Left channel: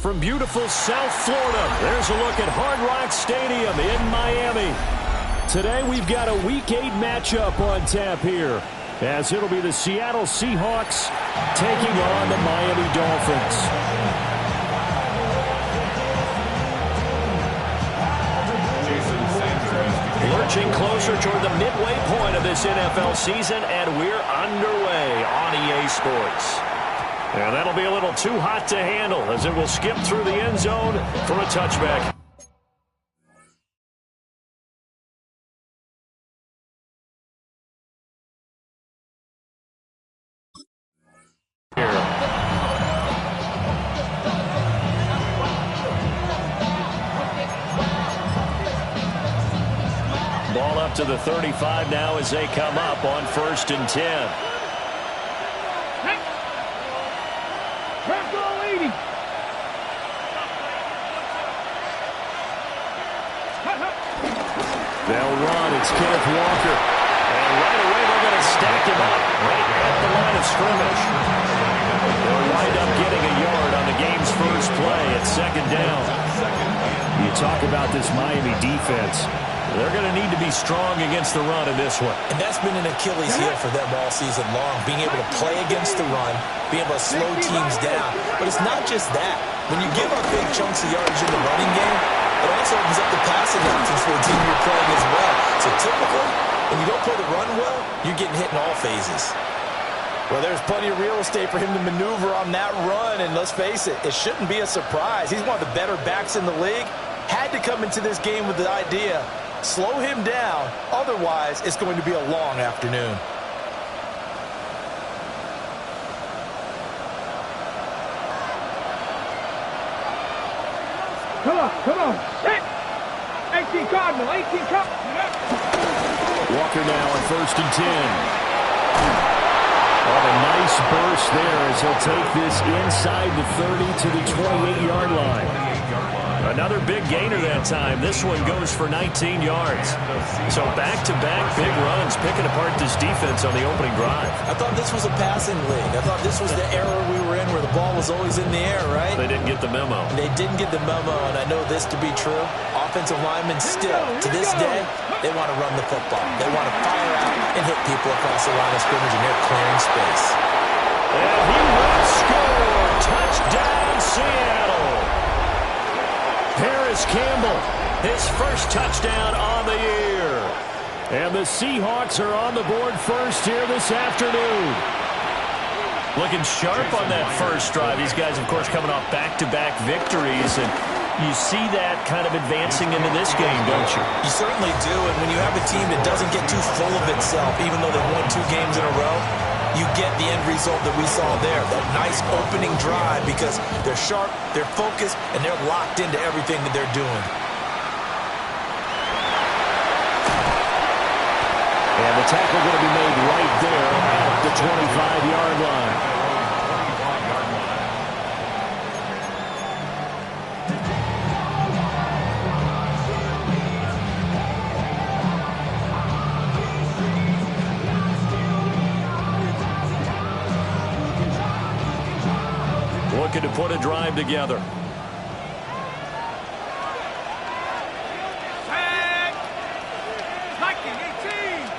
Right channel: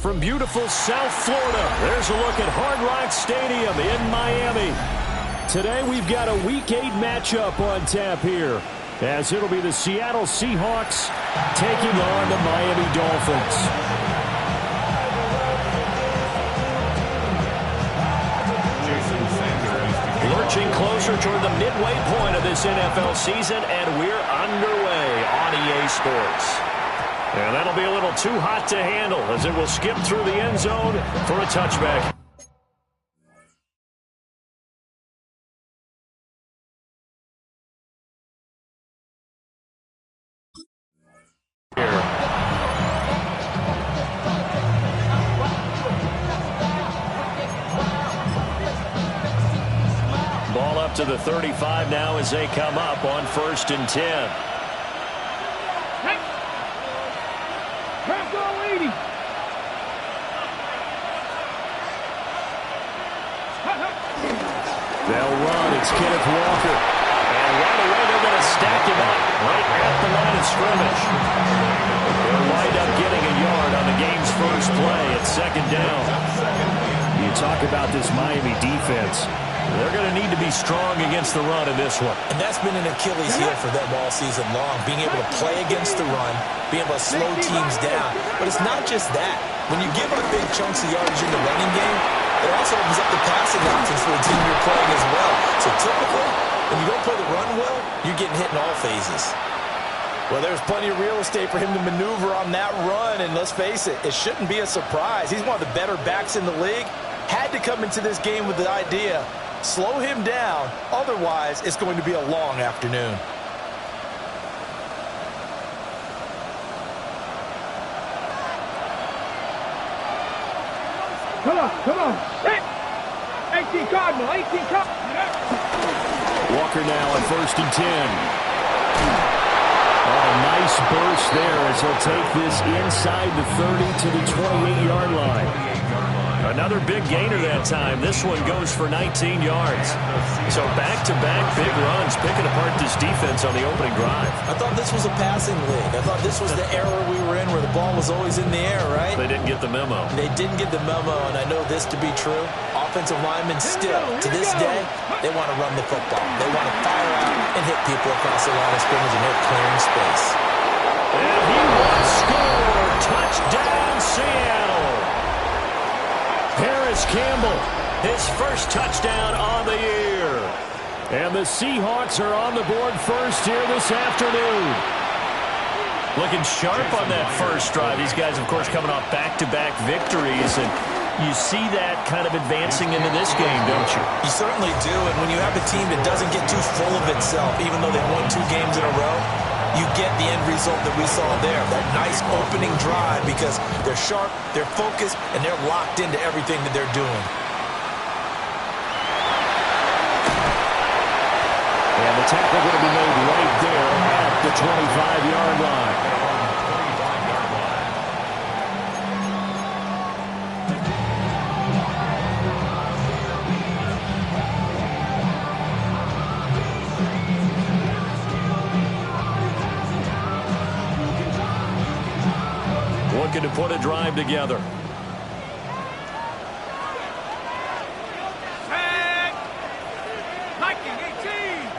From beautiful South Florida, there's a look at Hard Rock Stadium in Miami. Today we've got a Week 8 matchup on tap here, as it'll be the Seattle Seahawks taking on the Miami Dolphins. Lurching closer toward the midway point of this NFL season, and we're underway on EA Sports. And that'll be a little too hot to handle as it will skip through the end zone for a touchback. Here. Ball up to the 35 now as they come up on 1st and 10. They'll run. It's Kenneth Walker. And right away they're going to stack him up right at the line of scrimmage. They'll wind up getting a yard on the game's first play at 2nd down. You talk about this Miami defense. They're going to need to be strong against the run in this one. And that's been an Achilles heel for them all season long, being able to play against the run, being able to slow teams down. But it's not just that. When you give up big chunks of yardage in the running game, it also opens up the passing options for the team you're playing as well. So typically, when you don't play the run well, you're getting hit in all phases. Well, there's plenty of real estate for him to maneuver on that run, and let's face it, it shouldn't be a surprise. He's one of the better backs in the league. Had to come into this game with the idea, slow him down, otherwise it's going to be a long afternoon. Come on. 18 Cardinal, 18 Cardinal. Walker now on 1st and 10. Oh, a nice burst there as he'll take this inside the 30 to the 28-yard line. Another big gainer that time. This one goes for 19 yards. So back-to-back big runs, picking apart this defense on the opening drive. I thought this was a passing league. I thought this was the era we were in where the ball was always in the air, right? They didn't get the memo. They didn't get the memo, and I know this to be true. Offensive linemen still, to this day, they want to run the football. They want to fire out and hit people across the line of scrimmage, and they're clearing space. And he will score. Touchdown, Seattle. Paris Campbell, his first touchdown on the year. And the Seahawks are on the board first here this afternoon. Looking sharp on that first drive. These guys, of course, coming off back-to-back victories. And you see that kind of advancing into this game, don't you? You certainly do. And when you have a team that doesn't get too full of itself, even though they've won 2 games in a row, you get the end result that we saw there, that nice opening drive, because they're sharp, they're focused, and they're locked into everything that they're doing. And the tackle going to be made right there at the 25-yard line. Looking to put a drive together. Sack! 1918!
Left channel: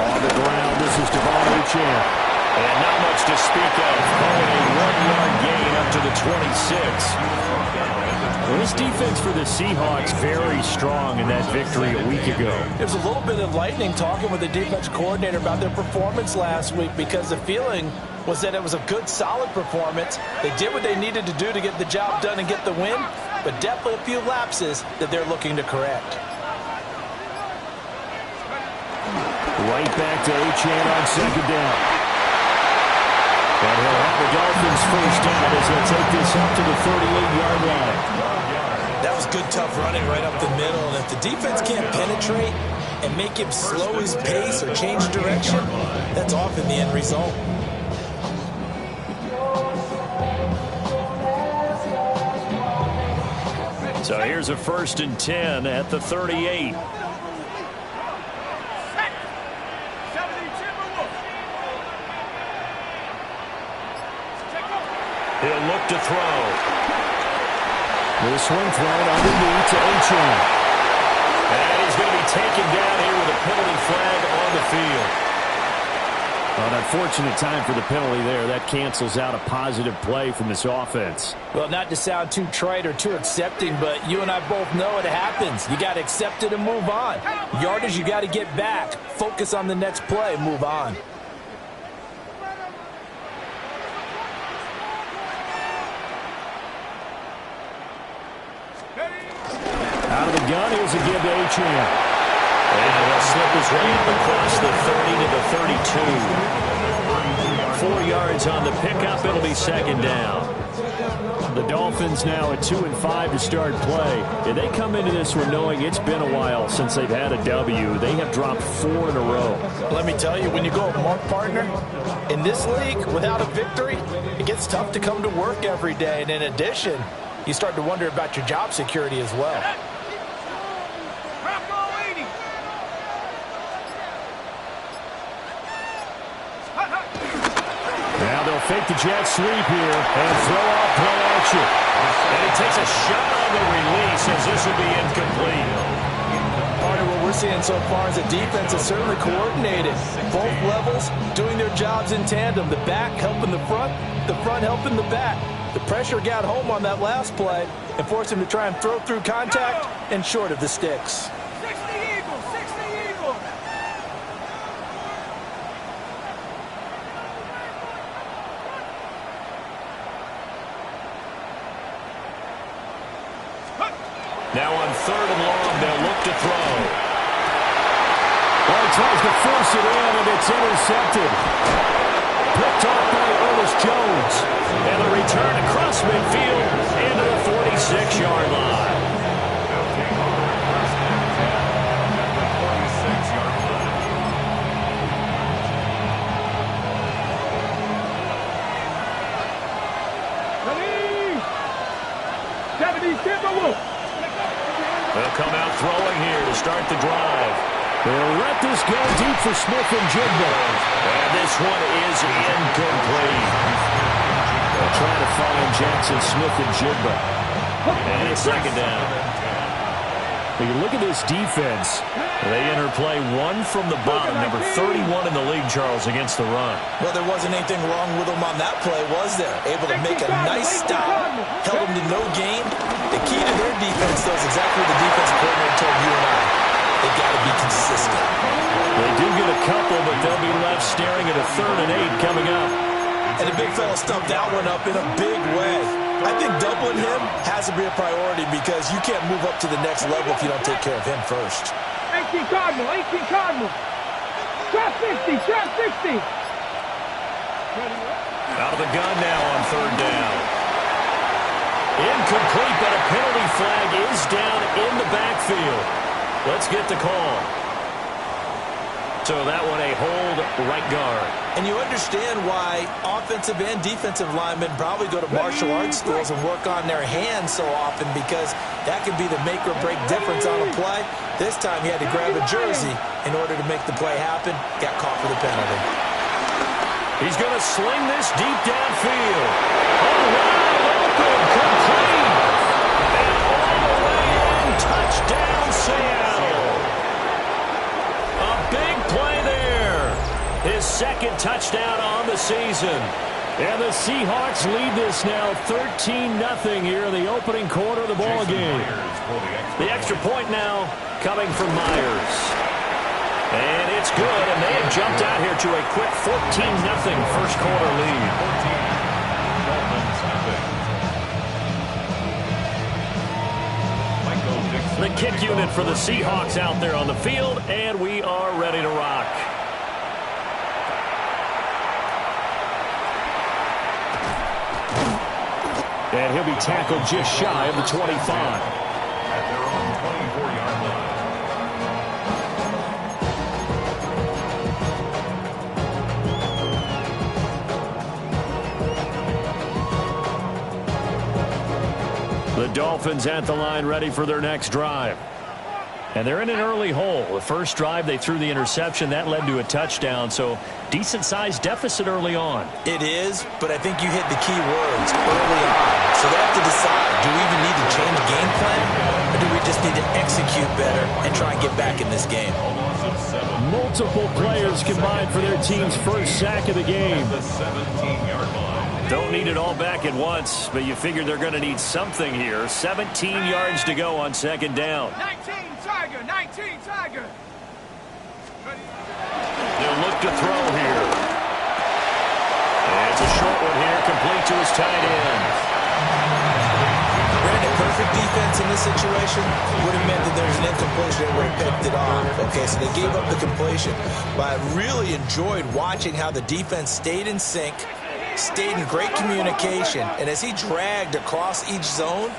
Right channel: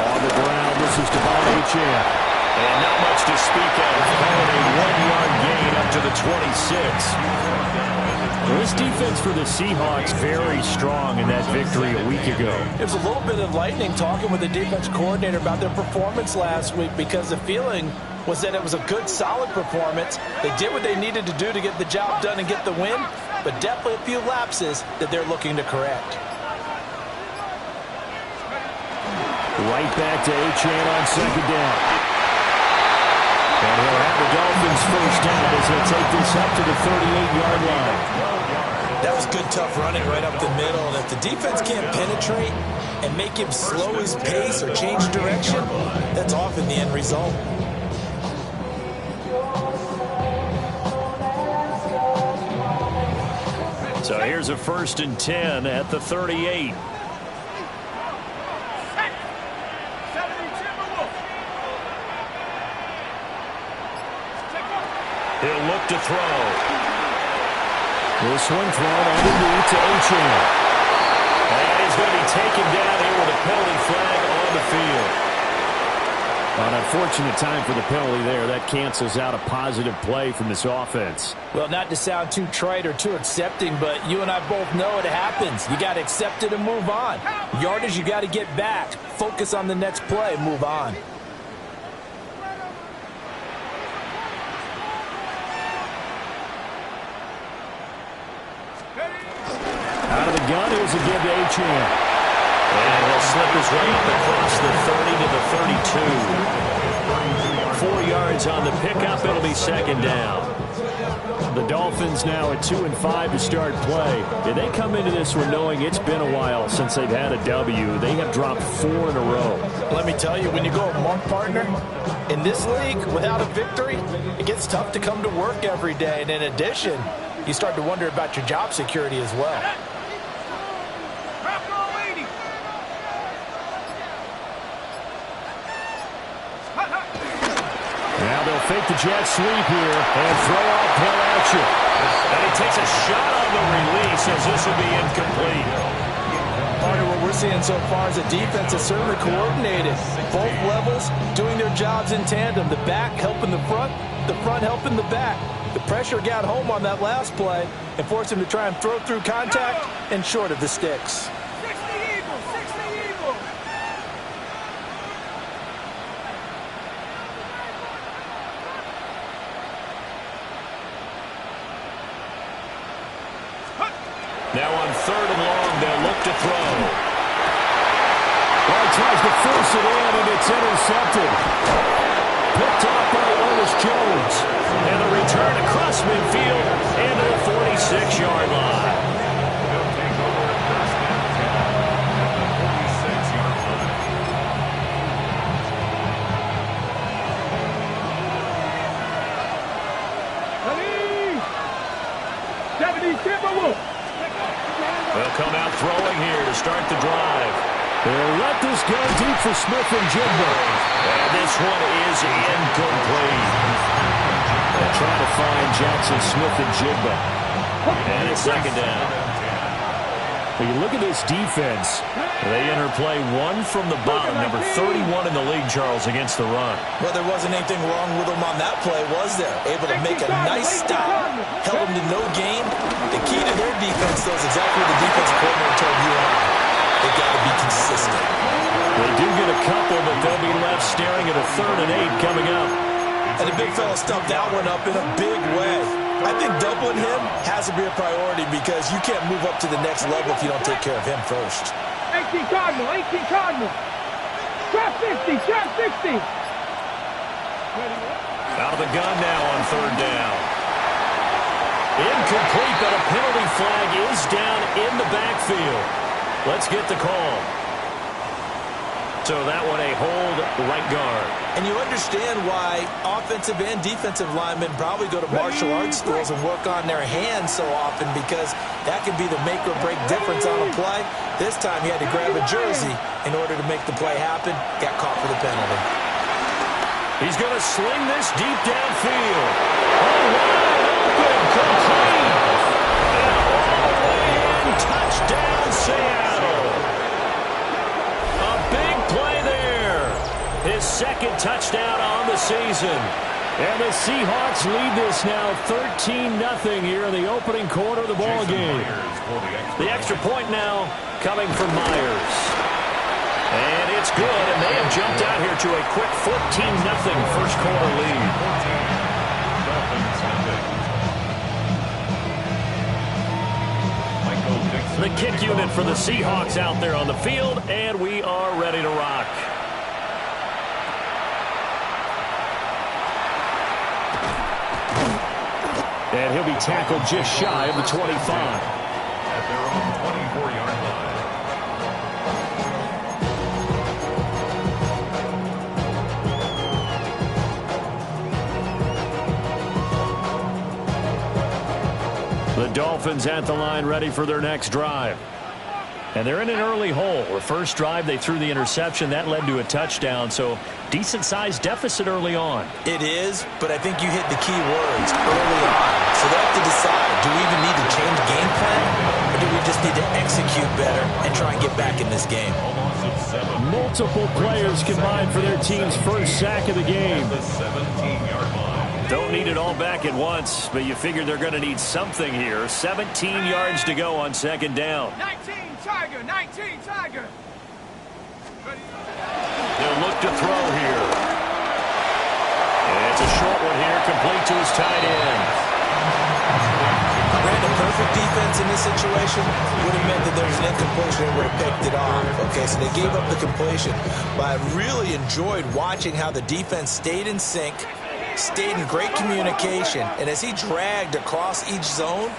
On the ground, this is Devon Achane. And not much to speak of. Calling a 1-yard gain up to the 26. Well, this defense for the Seahawks very strong in that victory a week ago. It was a little bit of lightning talking with the defense coordinator about their performance last week, because the feeling was that it was a good, solid performance. They did what they needed to do to get the job done and get the win, but definitely a few lapses that they're looking to correct. Right back to Achane on second down. And he'll have the Dolphins first down as he'll take this up to the 38-yard line. That was good, tough running right up the middle. And if the defense can't penetrate and make him slow his pace or change direction, that's often the end result. So here's a 1st and 10 at the 38. He'll look to throw. This one thrown underneath to Achane. And he's going to be taken down here with a penalty flag on the field. An unfortunate time for the penalty there. That cancels out a positive play from this offense. Well, not to sound too trite or too accepting, but you and I both know it happens. You got to accept it and move on. Yardage, you got to get back. Focus on the next play, move on. Out of the gun, here's a give to Achane. And he'll slip his way up across the 30 to the 32. 4 yards on the pickup. It'll be second down. The Dolphins now at 2-5 to start play. And they come into this one knowing it's been a while since they've had a W. They have dropped 4 in a row. Let me tell you, when you go a month, partner, in this league, without a victory, it gets tough to come to work every day. And in addition, you start to wonder about your job security as well. Now they'll fake the jet sweep here and throw off play action. And he takes a shot on the release as this will be incomplete. Part of what we're seeing so far is the defense is certainly coordinated. Both levels doing their jobs in tandem. The back helping the front helping the back. The pressure got home on that last play and forced him to try and throw through contact and short of the sticks. 60 Eagles, 60 Eagles. Now on 3rd and long, they'll look to throw. Well, he tries to force it in, and it's intercepted. Picked off by Ernest Jones. And the return across midfield into the 46-yard line. They'll take over first and 10 at the 46-yard line. They'll come out throwing here to start the drive. They'll let this go deep for Smith-Njigba. And this one is incomplete. They'll try to find Jackson Smith-Njigba. And it's second down. When you look at this defense, they interplay one from the bottom, number 31 in the league, Charles, against the run. Well, there wasn't anything wrong with them on that play, was there? Able to make a nice stop, held them to no gain. The key to their defense, though, is exactly what the defensive coordinator told you and I. They've got to be consistent. They do get a couple, but they'll be left staring at a 3rd and 8 coming up. And the big fella stuffed that one up in a big way. I think doubling him has to be a priority because you can't move up to the next level if you don't take care of him first. 18 Cardinal, 18 Cardinal. Shot 60, shot 60. Out of the gun now on 3rd down. Incomplete, but a penalty flag is down in the backfield. Let's get the call. So that one a hold right guard. And you understand why offensive and defensive linemen probably go to martial arts schools and work on their hands so often, because that can be the make or break difference on a play. This time he had to grab a jersey in order to make the play happen. Got caught for the penalty. He's going to sling this deep downfield. Oh, wide open, complete. And all the way in, touchdown Seattle. A big play there. His 2nd touchdown on the season. And the Seahawks lead this now 13-0 here in the opening quarter of the ball game. The extra point now coming from Myers. And it's good, and they have jumped out here to a quick 14-0 first quarter lead. 14, Dolphins nothing. The kick unit for the Seahawks out there on the field, and we are ready to rock. And he'll be tackled just shy of the 25. At their own 24-yard line. The Dolphins at the line, ready for their next drive. And they're in an early hole. The first drive, they threw the interception. That led to a touchdown, so decent-sized deficit early on. It is, but I think you hit the key words early on. So they have to decide, do we even need to change game plan, or do we just need to execute better and try and get back in this game? Multiple players combined for their team's first sack of the game. The 17-yard line. Don't need it all back at once, but you figure they're going to need something here. 17 yards to go on 2nd down. 19 Tiger, 19 Tiger. They'll look to throw here. And it's a short one here, complete to his tight end. Granted, perfect defense in this situation would have meant that there's an incompletion and would have picked it off. Okay, so they gave up the completion. But I really enjoyed watching how the defense stayed in sync, stayed in great communication, and as he dragged across each zone,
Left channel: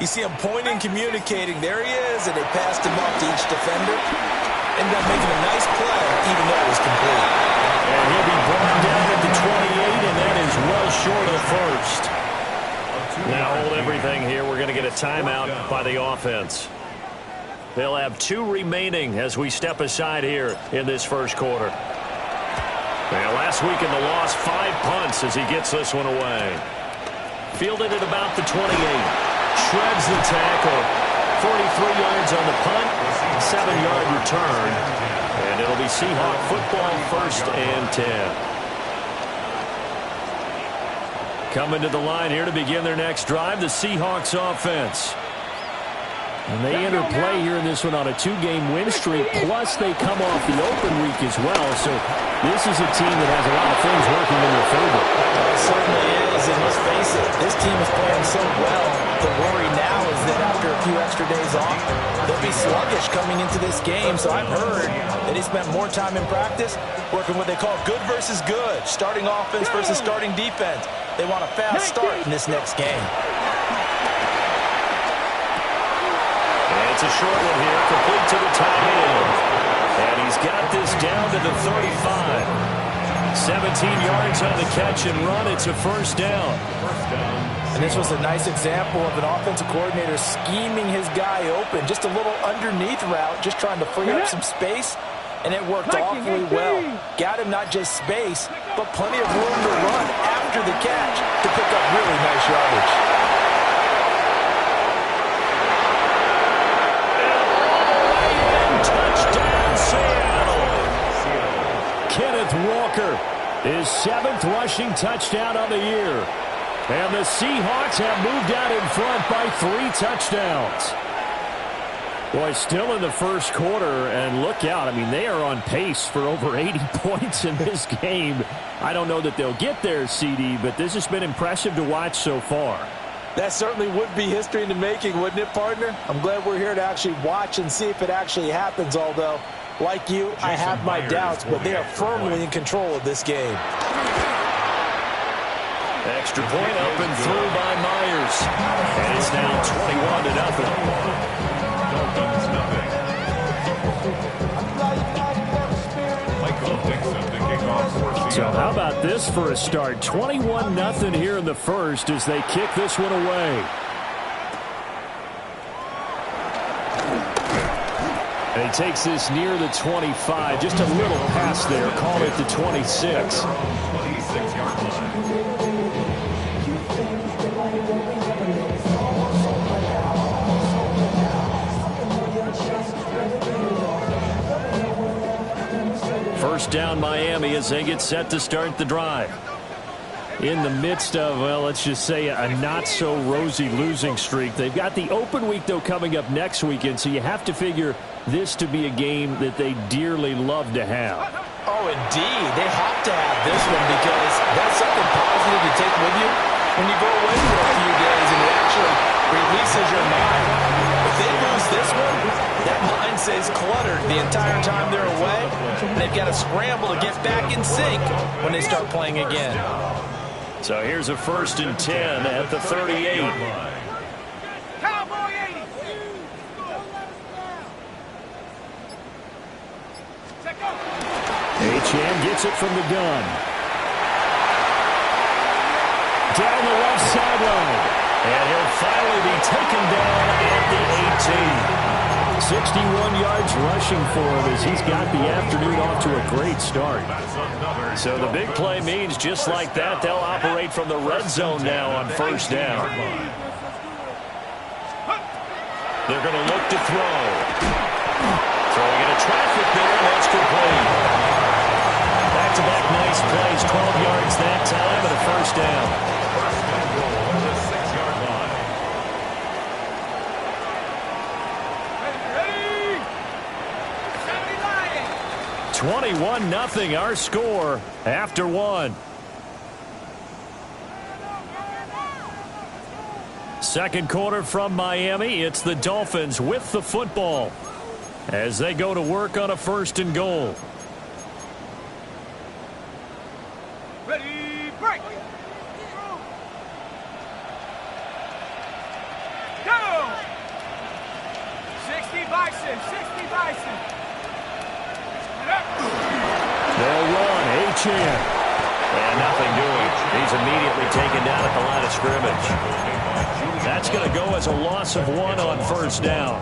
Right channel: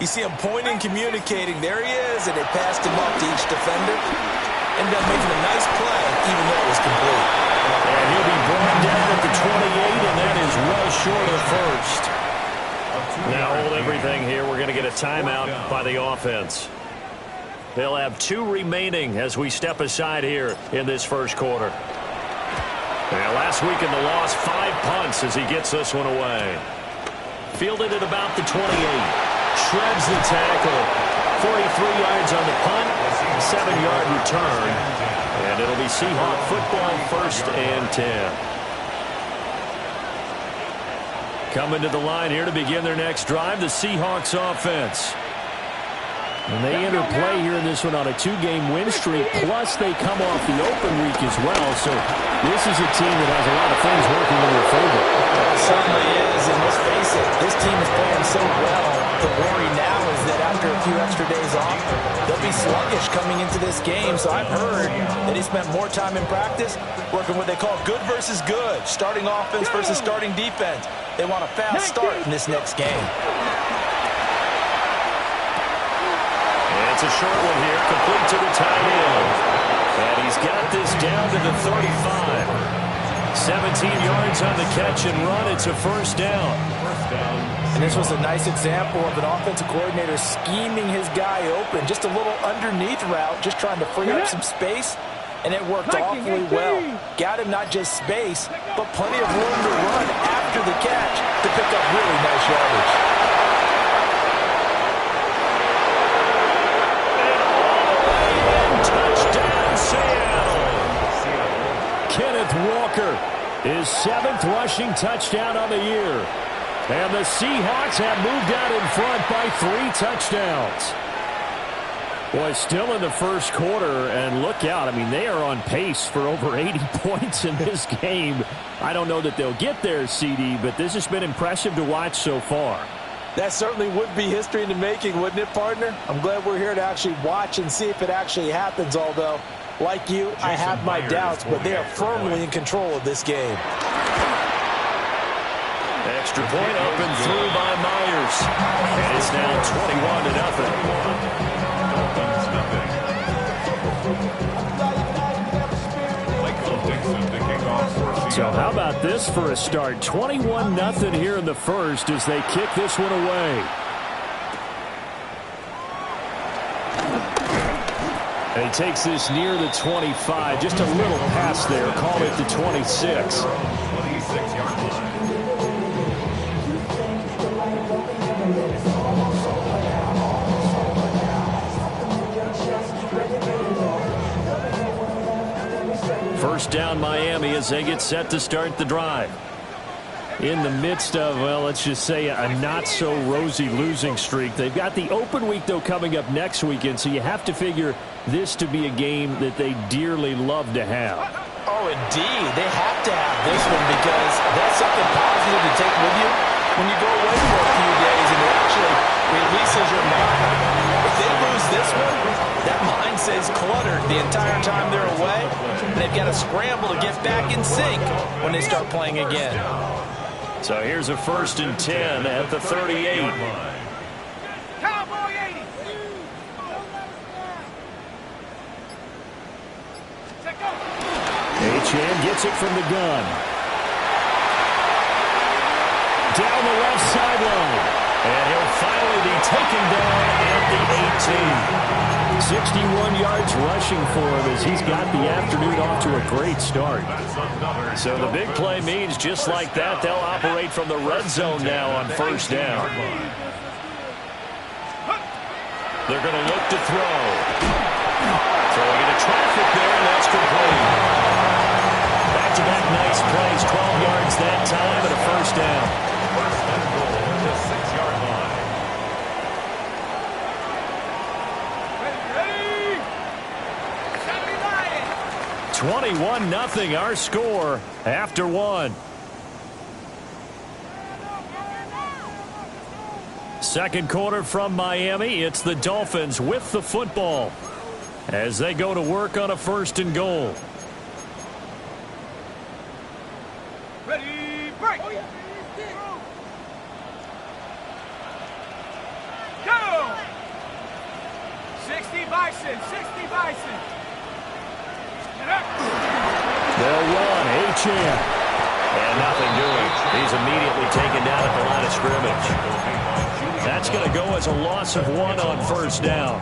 you see him pointing, communicating. There he is, and they passed him off to each defender. Ended up making a nice play, even though it was complete. And he'll be brought down at the 28, and that is well short of the first. Now hold everything here. We're going to get a timeout by the offense. They'll have 2 remaining as we step aside here in this first quarter. Now, last week in the loss, 5 punts as he gets this one away. Fielded at about the 28. Shreds the tackle. 43 yards on the punt. 7-yard return. And it'll be Seahawk football, 1st and 10. Coming to the line here to begin their next drive, the Seahawks offense. And they interplay here in this one on a 2-game win streak, plus they come off the open week as well. So this is a team that has a lot of things working in their favor. It certainly is, and let's face it, this team is playing so well. The worry now is that after a few extra days off, they'll be sluggish coming into this game. So I've heard that he spent more time in practice working what they call good versus good, starting offense versus starting defense. They want a fast start in this next game. It's a short one here, complete to the tight end. And he's got this down to the 35. 17 yards on the catch and run. It's a first down. And this was a nice example of an offensive coordinator scheming his guy open. Just a little underneath route, just trying to free up some space. And it worked awfully well. Got him not just space, but plenty of room to run after the catch to pick up really nice yardage. Touchdown, Seattle. Kenneth Walker, his 7th rushing touchdown of the year. And the Seahawks have moved out in front by 3 touchdowns. Boy, still in the first quarter, and look out. I mean, they are on pace for over 80 points in this game. I don't know that they'll get there, CD, but this has been impressive to watch so far. That certainly would be history in the making, wouldn't it, partner? I'm glad we're here to actually watch and see if it actually happens, although, like you, I have my doubts, but they are firmly in control of this game. Extra point up and through by Myers. And it's now 21-0. Dolphins, nothing. Michael Dixon to kick off for Seattle. So how about this for a start? 21-0 here in the first as they kick this one away. And he takes this near the 25. Just a little pass there. Call it the 26. 26-yard line. First down Miami as they get set to start the drive. In the midst of, well, let's just say a not-so-rosy losing streak. They've got the open week, though, coming up next weekend, so you have to figure this to be a game that they dearly love to have. Oh, indeed. They have to have this one because that's something positive to take with you when you go away for a few days, and it actually releases your mind. If they lose this one, that mind stays cluttered the entire time they're away, and they've got to scramble to get back in sync when they start playing again. So here's a 1st and 10 at the 38. Cowboy 80. Achane gets it from the gun. Down the left sideline. And he'll finally be taken down at the 18. 61 yards rushing for him as he's got the afternoon off to a great start. So the big play means just like that, they'll operate from the red zone now on 1st down. They're going to look to throw. Throwing into traffic there, and that's complete. Back-to-back nice plays, 12 yards that time, and a 1st down. First and goal at the 6-yard line. 21-0 our score after 1. Second quarter from Miami. It's the Dolphins with the football as they go to work on a 1st and goal. Ready, break. Go. 60 Bison, 60 Bison. They'll run. Achane. And nothing doing. He's immediately taken down at the line of scrimmage. That's going to go as a loss of 1 on 1st down.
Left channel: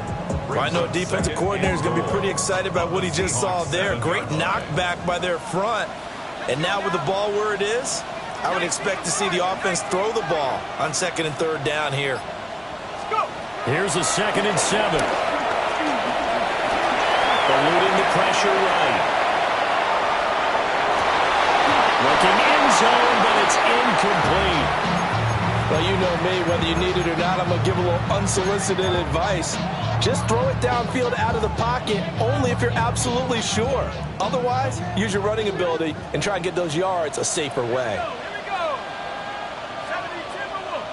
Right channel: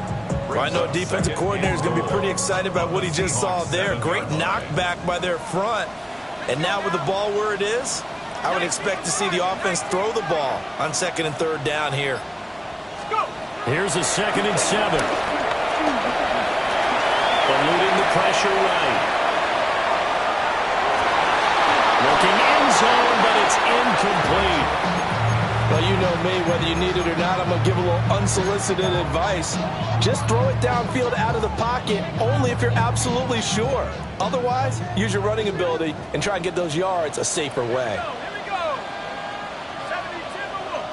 Well, I know a defensive coordinator is going to be pretty excited about what he just saw there. Great knockback by their front. And now with the ball where it is, I would expect to see the offense throw the ball on 2nd and 3rd down here. Here's a 2nd and 7. Eluding the pressure right. Looking end zone, but it's incomplete. Well, you know me, whether you need it or not, I'm going to give a little unsolicited advice. Just throw it downfield out of the pocket, only if you're absolutely sure. Otherwise, use your running ability and try and get those yards a safer way. Here we go. 70 Timberwolves.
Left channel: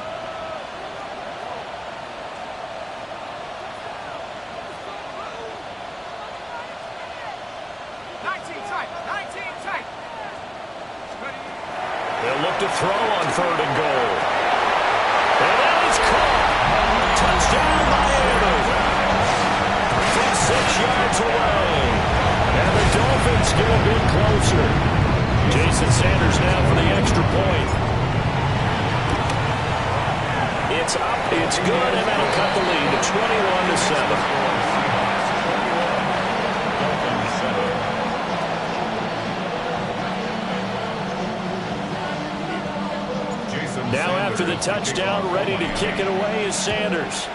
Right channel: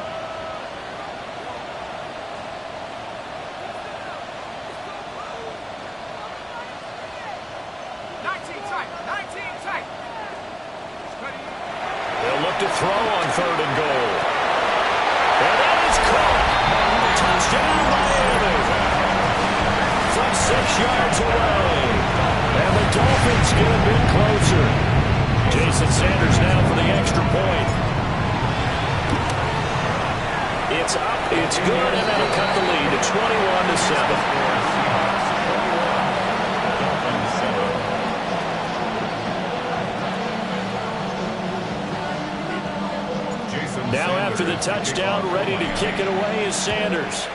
19 tight, 19 tight. Ready. They'll look to throw on 3rd and goal. And that is caught. Touchdown, Miami. From 6 yards away. And the Dolphins get a bit closer. Jason Sanders now for the extra point. It's up, it's good, and that'll cut the lead to 21-7. Now after the touchdown, ready to kick it away is Sanders.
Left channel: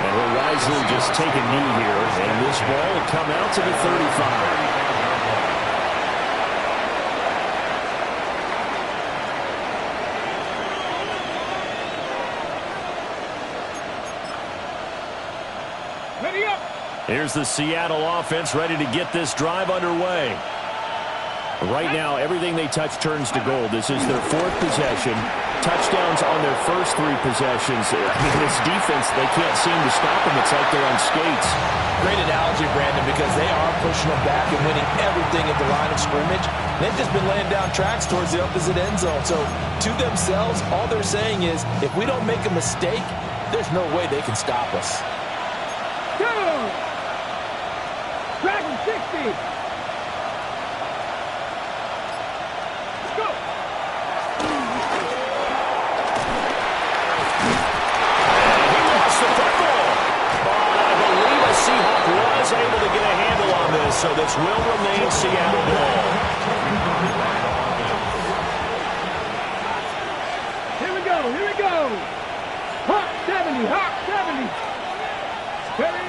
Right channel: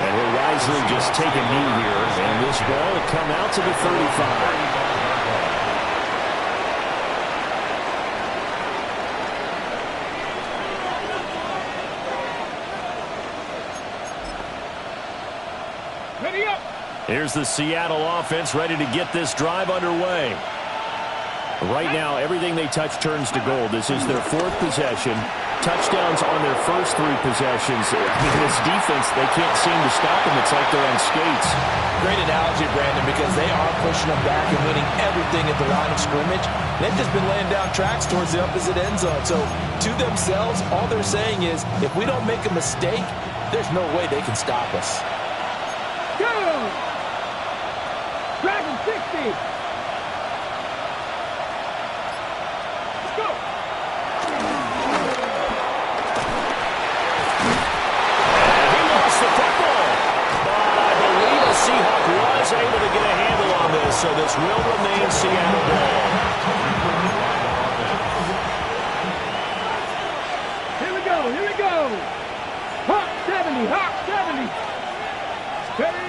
And he'll wisely just take a knee here, and this ball will come out to the 35. Ready up. Here's the Seattle offense ready to get this drive underway. Right now, everything they touch turns to gold. This is their fourth possession. Touchdowns on their first three possessions. I mean, this defense, they can't seem to stop them. It's like they're on skates. Great analogy, Brandon, because they are pushing them back and winning everything at the line of scrimmage. They've just been laying down tracks towards the opposite end zone. So, to themselves, all they're saying is, if we don't make a mistake, there's no way they can stop us. Go! Dragon 60. Go! And he lost the football. But I believe a Seahawk was able to get a handle on this, so this will remain Seattle ball. Here we go, here we go. Hawk 70, Hawk 70. Ready?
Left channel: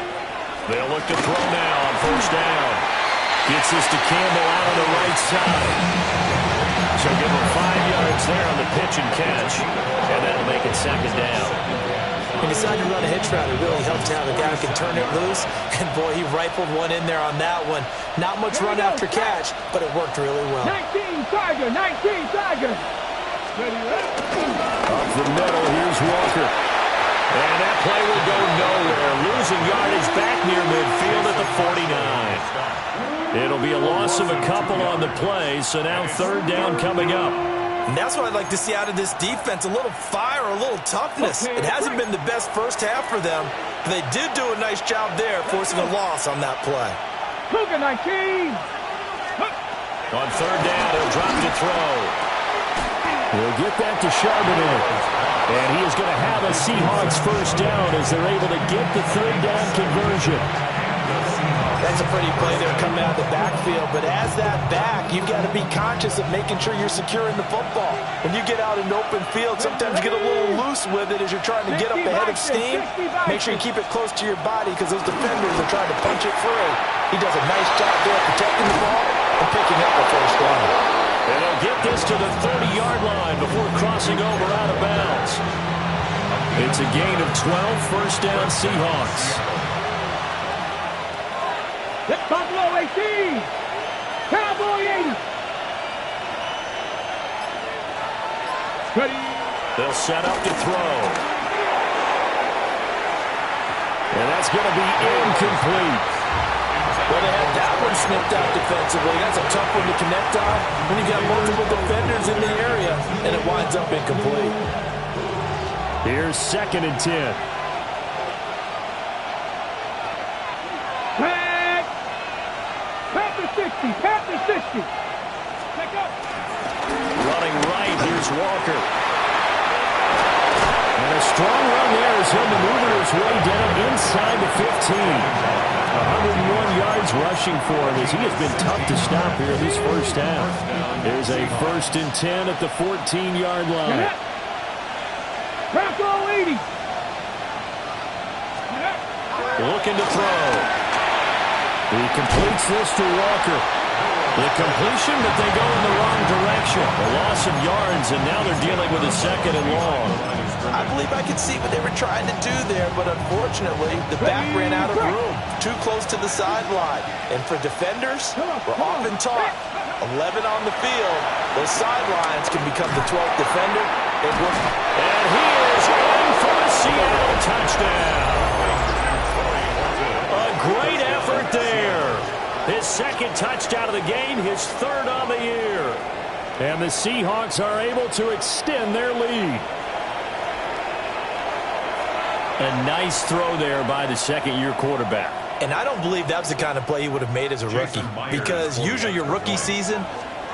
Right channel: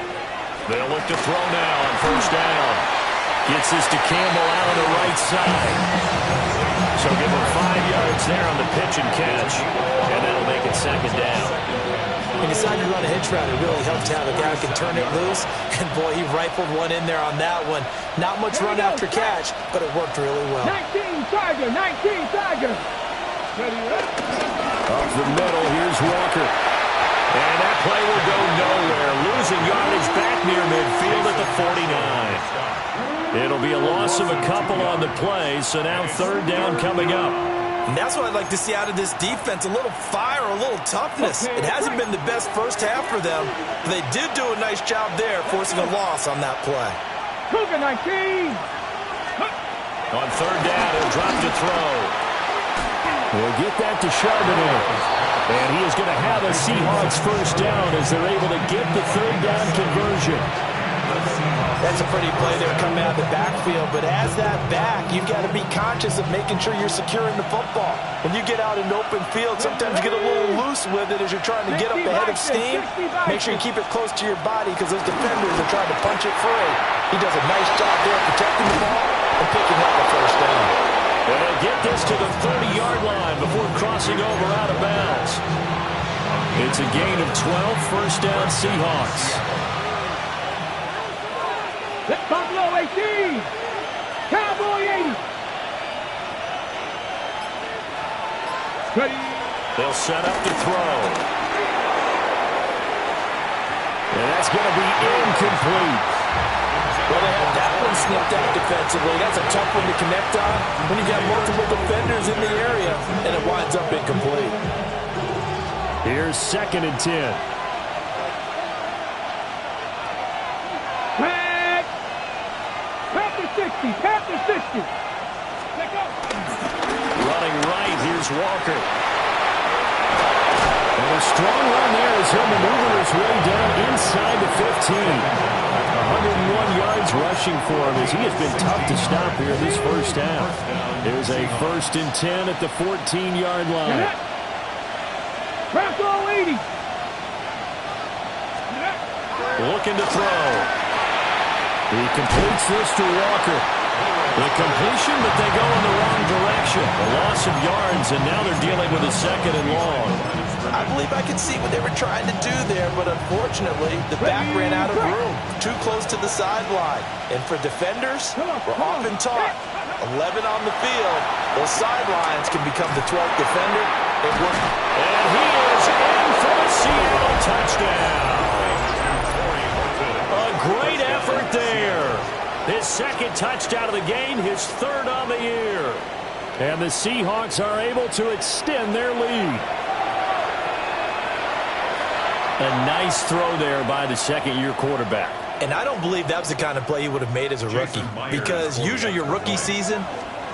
They'll look to throw now on first down. Gets this to Campbell out on the right side. So give him 5 yards there on the pitch and catch. And that'll make it second down. He decided to run a hitch route. It really helped to have a guy who can turn it loose. And, boy, he rifled one in there on that one. Not much run after catch, but it worked really well. 19 Tiger, 19 Tiger. Ready, ready. Up the middle, here's Walker. And that play will go nowhere. Losing yardage back near midfield at the 49. It'll be a loss of a couple on the play, so now third down coming up. And that's what I'd like to see out of this defense, a little fire, a little toughness. It hasn't been the best first half for them, but they did do a nice job there, forcing a loss on that play. Cougar 19. On third down, he'll drop to throw. We'll get that to Charbonnet. And he is going to have a Seahawks first down as they're able to get the third down conversion. That's a pretty play there coming out of the backfield, but as that back, you've got to be conscious of making sure you're securing the football. When you get out in open field, sometimes you get a little loose with it as you're trying to get up ahead of steam. Make sure you keep it close to your body because those defenders are trying to punch it free. He does a nice job there protecting the ball and picking up a first down. And they'll get this to the 30-yard line before crossing over out of bounds. It's a gain of 12, first down Seahawks. That's Buffalo 18. Cowboy 80. Ready. They'll set up to throw. And that's going to be incomplete. Well, they had that one snipped out defensively. That's a tough one to connect on when you got multiple defenders in the area, and it winds up incomplete. Here's 2nd and 10. Panther 60, Panther 60. Pick up. Running right, here's Walker. And a strong run there as he'll maneuver his way down inside the 15. 101 yards rushing for him as he has been tough to stop here this first half. There's a 1st and 10 at the 14-yard line. Bronco 80. Looking to throw. He completes this to Walker. The completion, but they go in the wrong direction. A loss of yards, and now they're dealing with a 2nd and long. I believe I could see what they were trying to do there, but unfortunately, the back ran out of room. Too close to the sideline. And for defenders, we're often taught 11 on the field. Those sidelines can become the 12th defender. It worked. And he is in for the Seattle touchdown. A great effort there. His 2nd touchdown of the game, his 3rd on the year. And the Seahawks are able to extend their lead. A nice throw there by the 2nd-year quarterback. And I don't believe that was the kind of play he would have made as a rookie, because usually your rookie season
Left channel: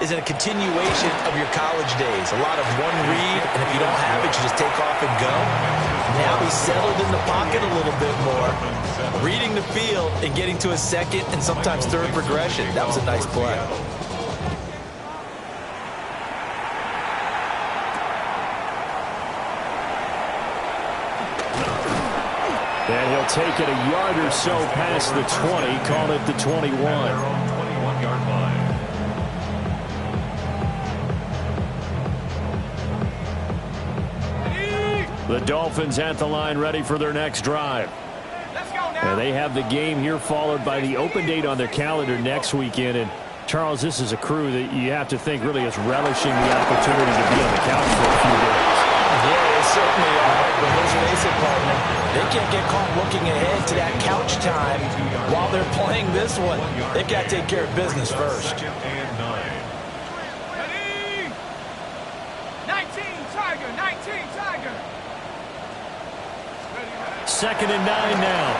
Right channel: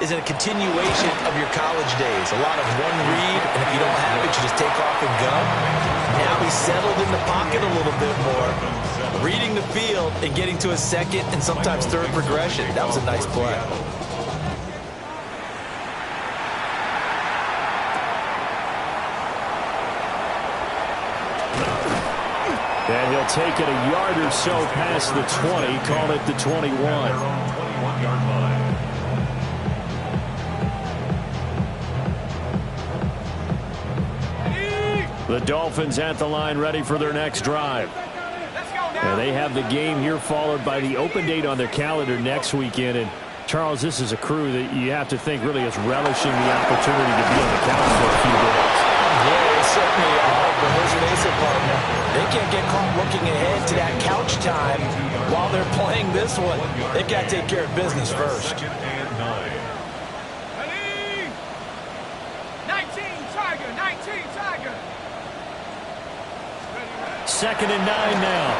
is in a continuation of your college days. A lot of one read, and if you don't have it, you just take off and go. Now he's settled in the pocket a little bit more, reading the field and getting to a second and sometimes third progression. That was a nice play. And he'll take it a yard or so past the 20, call it the 21. 21-yard line. The Dolphins at the line, ready for their next drive. And they have the game here followed by the open date on their calendar next weekend. And Charles, this is a crew that you have to think really is relishing the opportunity to be on the couch for a few days. Yeah, they certainly are, but let's face it, partner, they can't get caught looking ahead to that couch time while they're playing this one. They've got to take care of business first. Second and 9. Ready? 19, Tiger, 19, Tiger. Second and 9 now.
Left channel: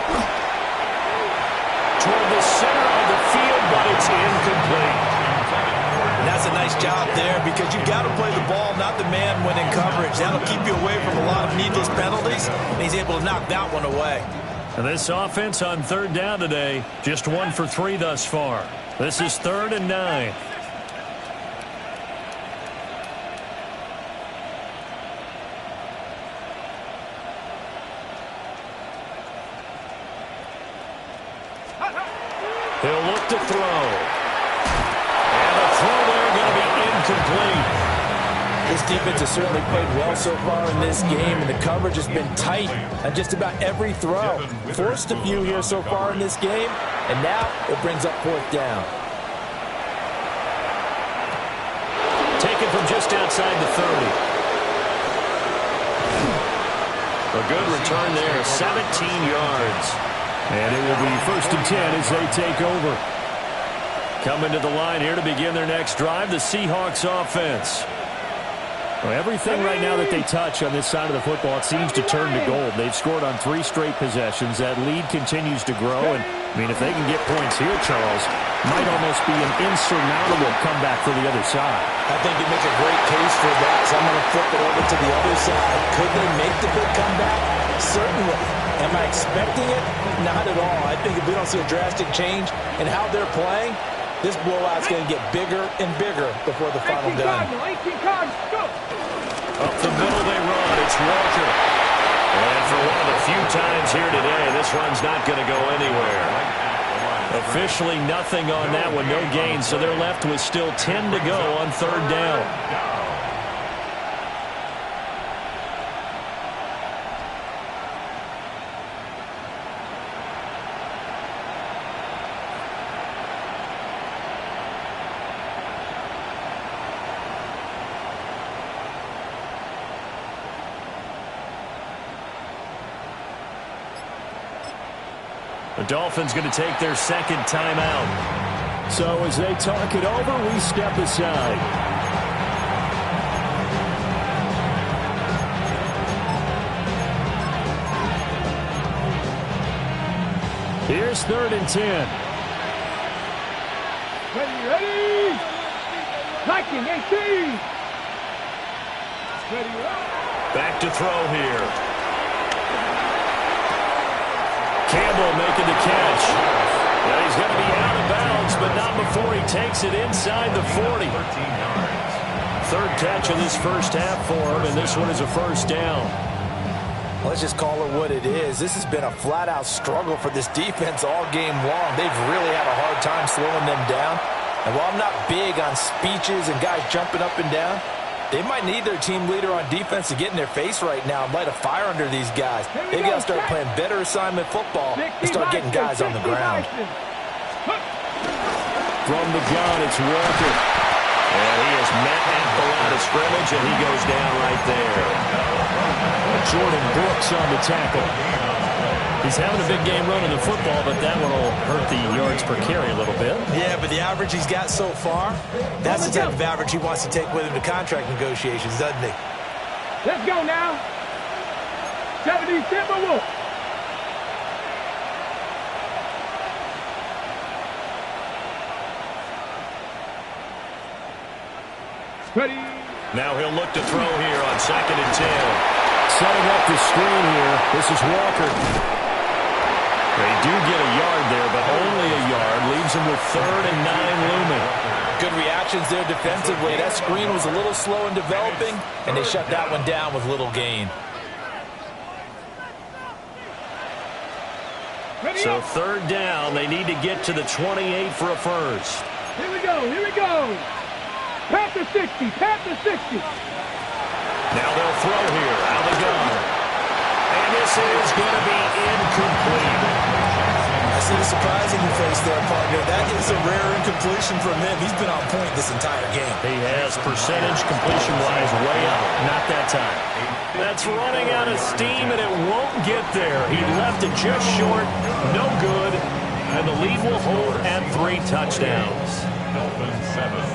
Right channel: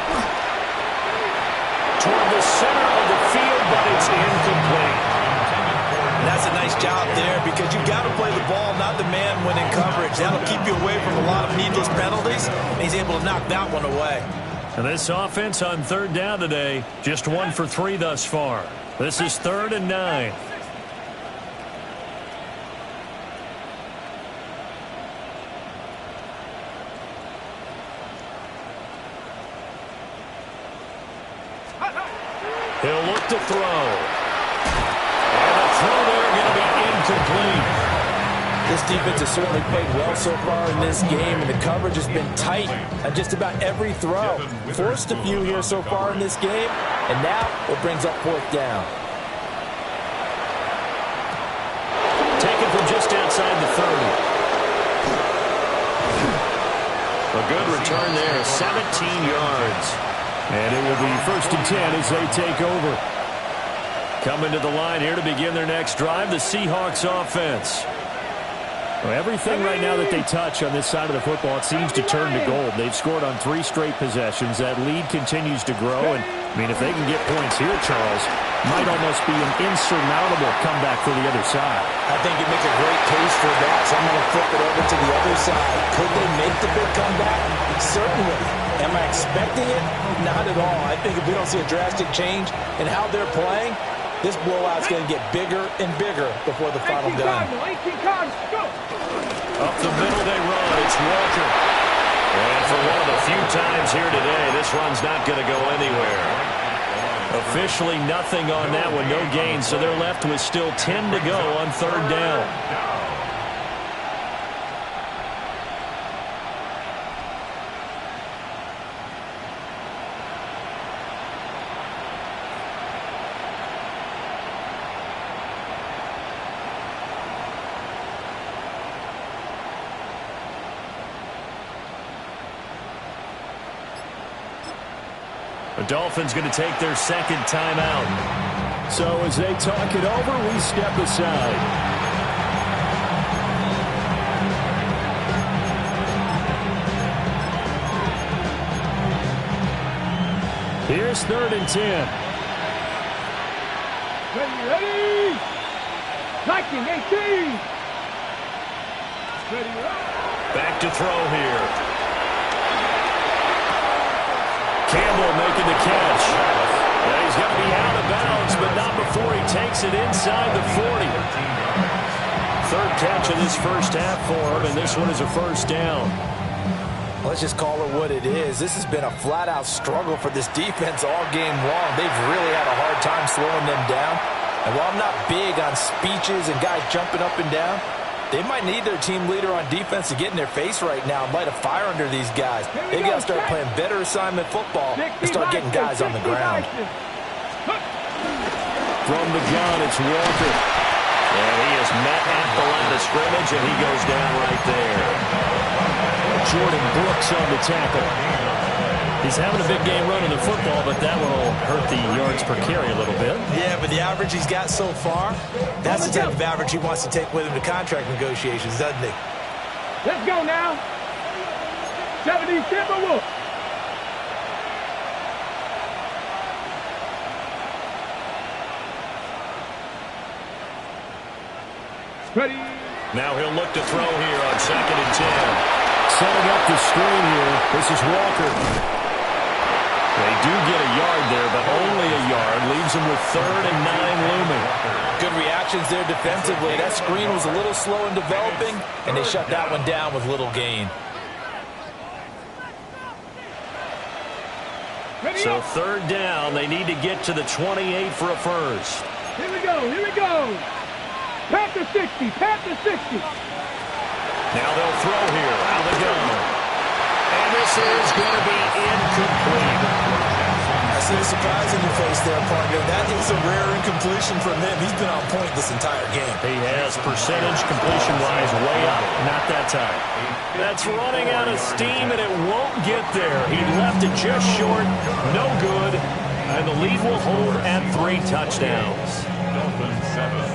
Toward the center of the field, but it's incomplete. And that's a nice job there, because you've got to play the ball, not the man when in coverage. That'll keep you away from a lot of needless penalties, and he's able to knock that one away. And this offense on third down today, just 1 for 3 thus far. This is 3rd and 9. He'll look to throw. And a throw there going to be incomplete. This defense has certainly played well so far in this game, and the coverage has been tight on just about every throw. Forced a few here so far in this game, and now it brings up 4th down. Taken from just outside the 30. A good return there, 17 yards. And it will be 1st and 10 as they take over. Coming to the line here to begin their next drive, the Seahawks offense. Well, everything right now that they touch on this side of the football, it seems to turn to gold. They've scored on 3 straight possessions. That lead continues to grow. And, I mean, if they can get points here, Charles, might almost be an insurmountable comeback for the other side. I think it makes a great case for that, so I'm going to flip it over to the other side. Could they make the big comeback? Certainly. Am I expecting it? Not at all. I think if we don't see a drastic change in how they're playing, this blowout's going to get bigger and bigger before the final down. 18 cards, go! Up the middle they run. It's Walker. And for one of the few times here today, this run's not going to go anywhere. Officially nothing on that one, no gain, so they're left with still 10 to go on 3rd down. The Dolphins going to take their 2nd timeout. So as they talk it over, we step aside. Here's 3rd and 10. Ready? 19, 18. Ready? Back to throw here. Campbell making the catch. Yeah, he's going to be out of bounds, but not before he takes it inside the 40. 3rd catch of this first half for him, and this one is a 1st down. Let's just call it what it is. This has been a flat-out struggle for this defense all game long. They've really had a hard time slowing them down. And while I'm not big on speeches and guys jumping up and down, they might need their team leader on defense to get in their face right now and light a fire under these guys. They've got to start playing better assignment football and start getting guys on the ground. From the gun, it's Walker. And he is met at the line of scrimmage, and he goes down right there. Jordan Brooks on the tackle. He's having a big game running the football, but that one will hurt the yards per carry a little bit. Yeah, but the average he's got so far, that's the type of average he wants to take with him to contract negotiations, doesn't he? Let's go now. 70 Timberwolves. Ready. Now he'll look to throw here on 2nd and 10. Setting up the screen here. This is Walker. They do get a yard there, but only a yard. Leaves them with 3rd and 9 looming. Good reactions there defensively. That screen was a little slow in developing, and they shut that one down with little gain. So 3rd down, they need to get to the 28 for a first. Here we go, here we go. Past the 60, past the 60. Now they'll throw here, out of the gun. And this is going to be incomplete. I see the surprise in your face there, partner. That is a rare incompletion from him. He's been on point this entire game. He has percentage completion-wise way up. Not that time. That's running out of steam, and it won't get there. He left it just short. No good. And the lead will hold at 3 touchdowns.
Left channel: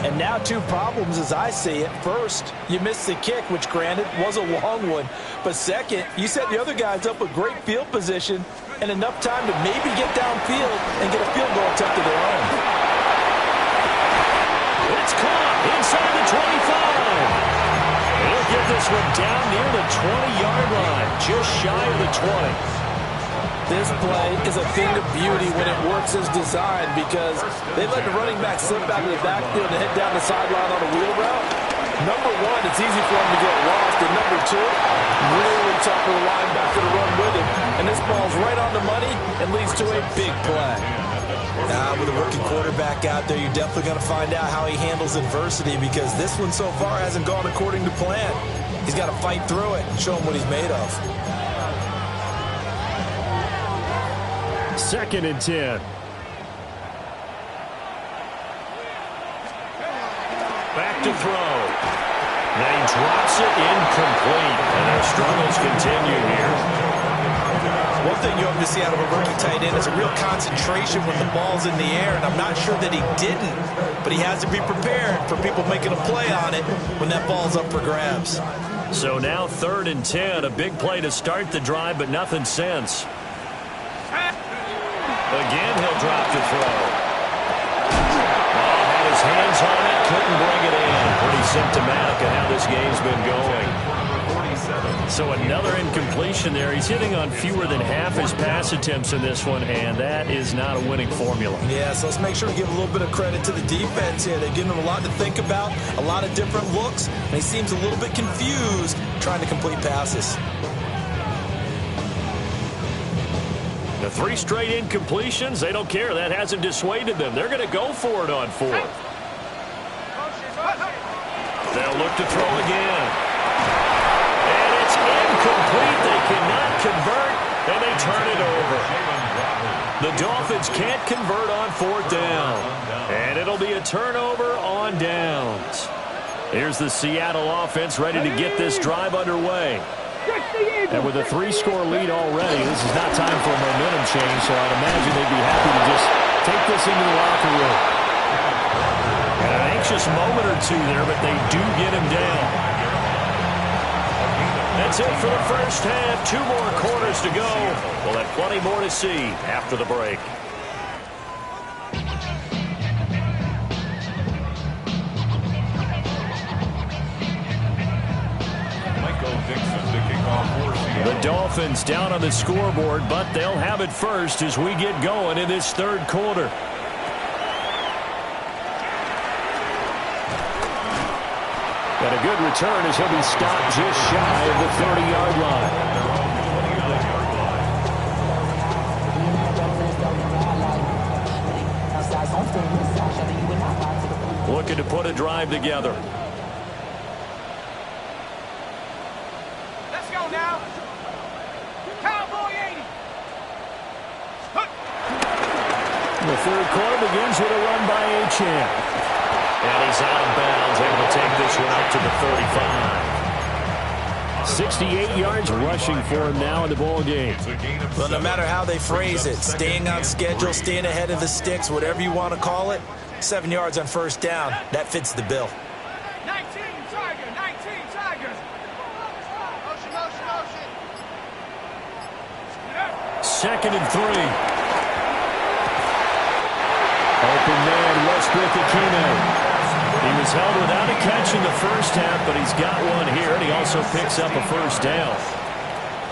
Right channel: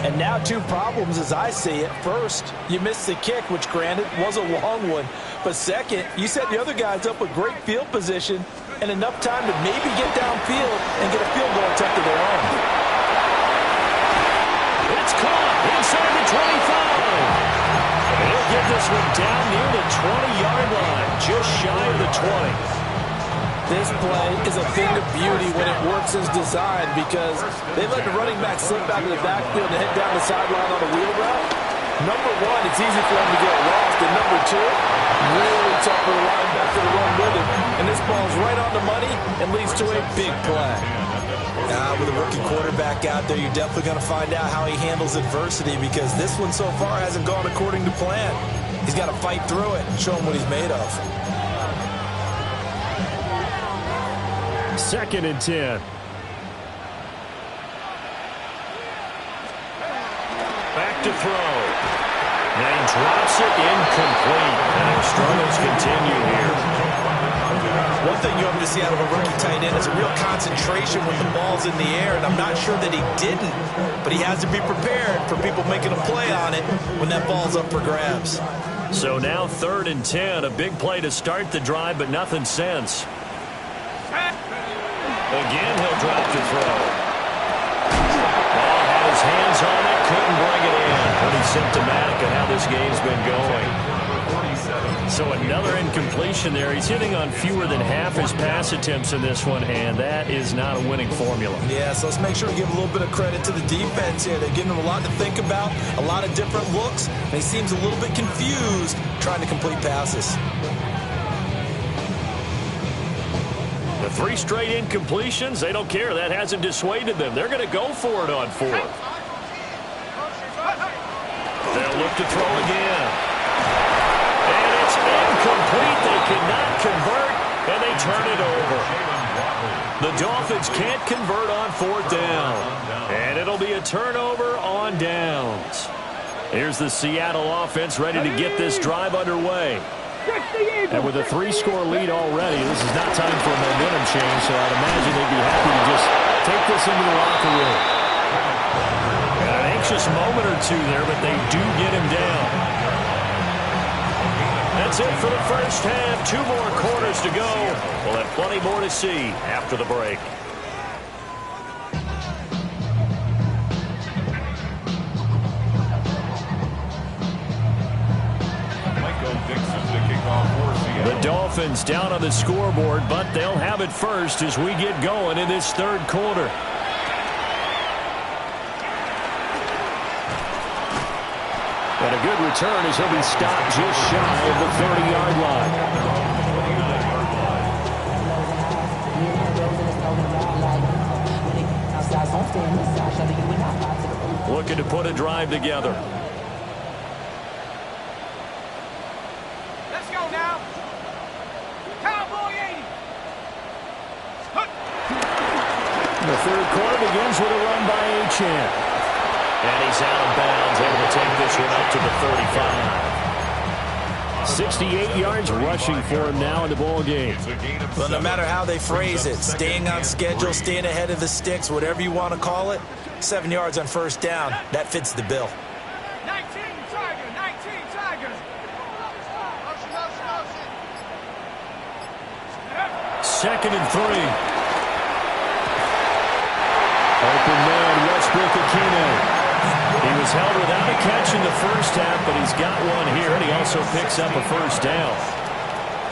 And now 2 problems as I see it. First, you missed the kick, which granted was a long one. But second, you set the other guys up with great field position and enough time to maybe get downfield and get a field goal attempt of their own. It's caught inside the 25. He'll get this one down near the 20-yard line, just shy of the 20. This play is a thing of beauty when it works as designed because they let the running back slip out of the backfield and head down the sideline on a wheel route. Number 1, it's easy for him to get lost. And number 2, really tough for the linebacker to run with him. And this ball's right on the money and leads to a big play. With a rookie quarterback out there, you're definitely going to find out how he handles adversity because this one so far hasn't gone according to plan. He's got to fight through it and show him what he's made of. 2nd and 10. Back to throw. Now he drops it incomplete, and their struggles continue here. One thing you hope to see out of a rookie tight end is a real concentration when the ball's in the air, and I'm not sure that he didn't, but he has to be prepared for people making a play on it when that ball's up for grabs. So now 3rd and 10, a big play to start the drive, but nothing since. Again, he'll drop to throw. Ball had his hands on it, couldn't bring it in. Pretty symptomatic of how this game's been going. So another incompletion there. He's hitting on fewer than half his pass attempts in this one, and that is not a winning formula. Yeah, so let's make sure we give a little bit of credit to the defense here. They're giving him a lot to think about, a lot of different looks, and he seems a little bit confused trying to complete passes. The 3 straight incompletions, they don't care. That hasn't dissuaded them. They're going to go for it on 4th. They'll look to throw again. And it's incomplete. They cannot convert, and they turn it over. The Dolphins can't convert on 4th down. And it'll be a turnover on downs. Here's the Seattle offense ready to get this drive underway. And with a 3-score lead already, this is not time for a momentum change, so I'd imagine they'd be happy to just take this into the locker room. And an anxious moment or 2 there, but they do get him down. That's it for the first half. 2 more quarters to go. We'll have plenty more to see after the break. The Dolphins down on the scoreboard, but they'll have it first as we get going in this 3rd quarter. And a good return as he'll be stopped just shy of the 30-yard line. Looking to put a drive together. Let's go now. Cowboy 80. The 3rd quarter begins with a run by Achane. And he's out of bounds, able to take this one up to the 35. 68 yards rushing for him now in the ball game. Well, no matter how they phrase it, staying on schedule, staying ahead of the sticks, whatever you want to call it, 7 yards on 1st down, that fits the bill. 19 Tiger, 19 Tiger. Motion, motion, motion. 2nd and 3. Open man, Westbrook Akine. He was held without a catch in the first half, but he's got one here, and he also picks up a first down.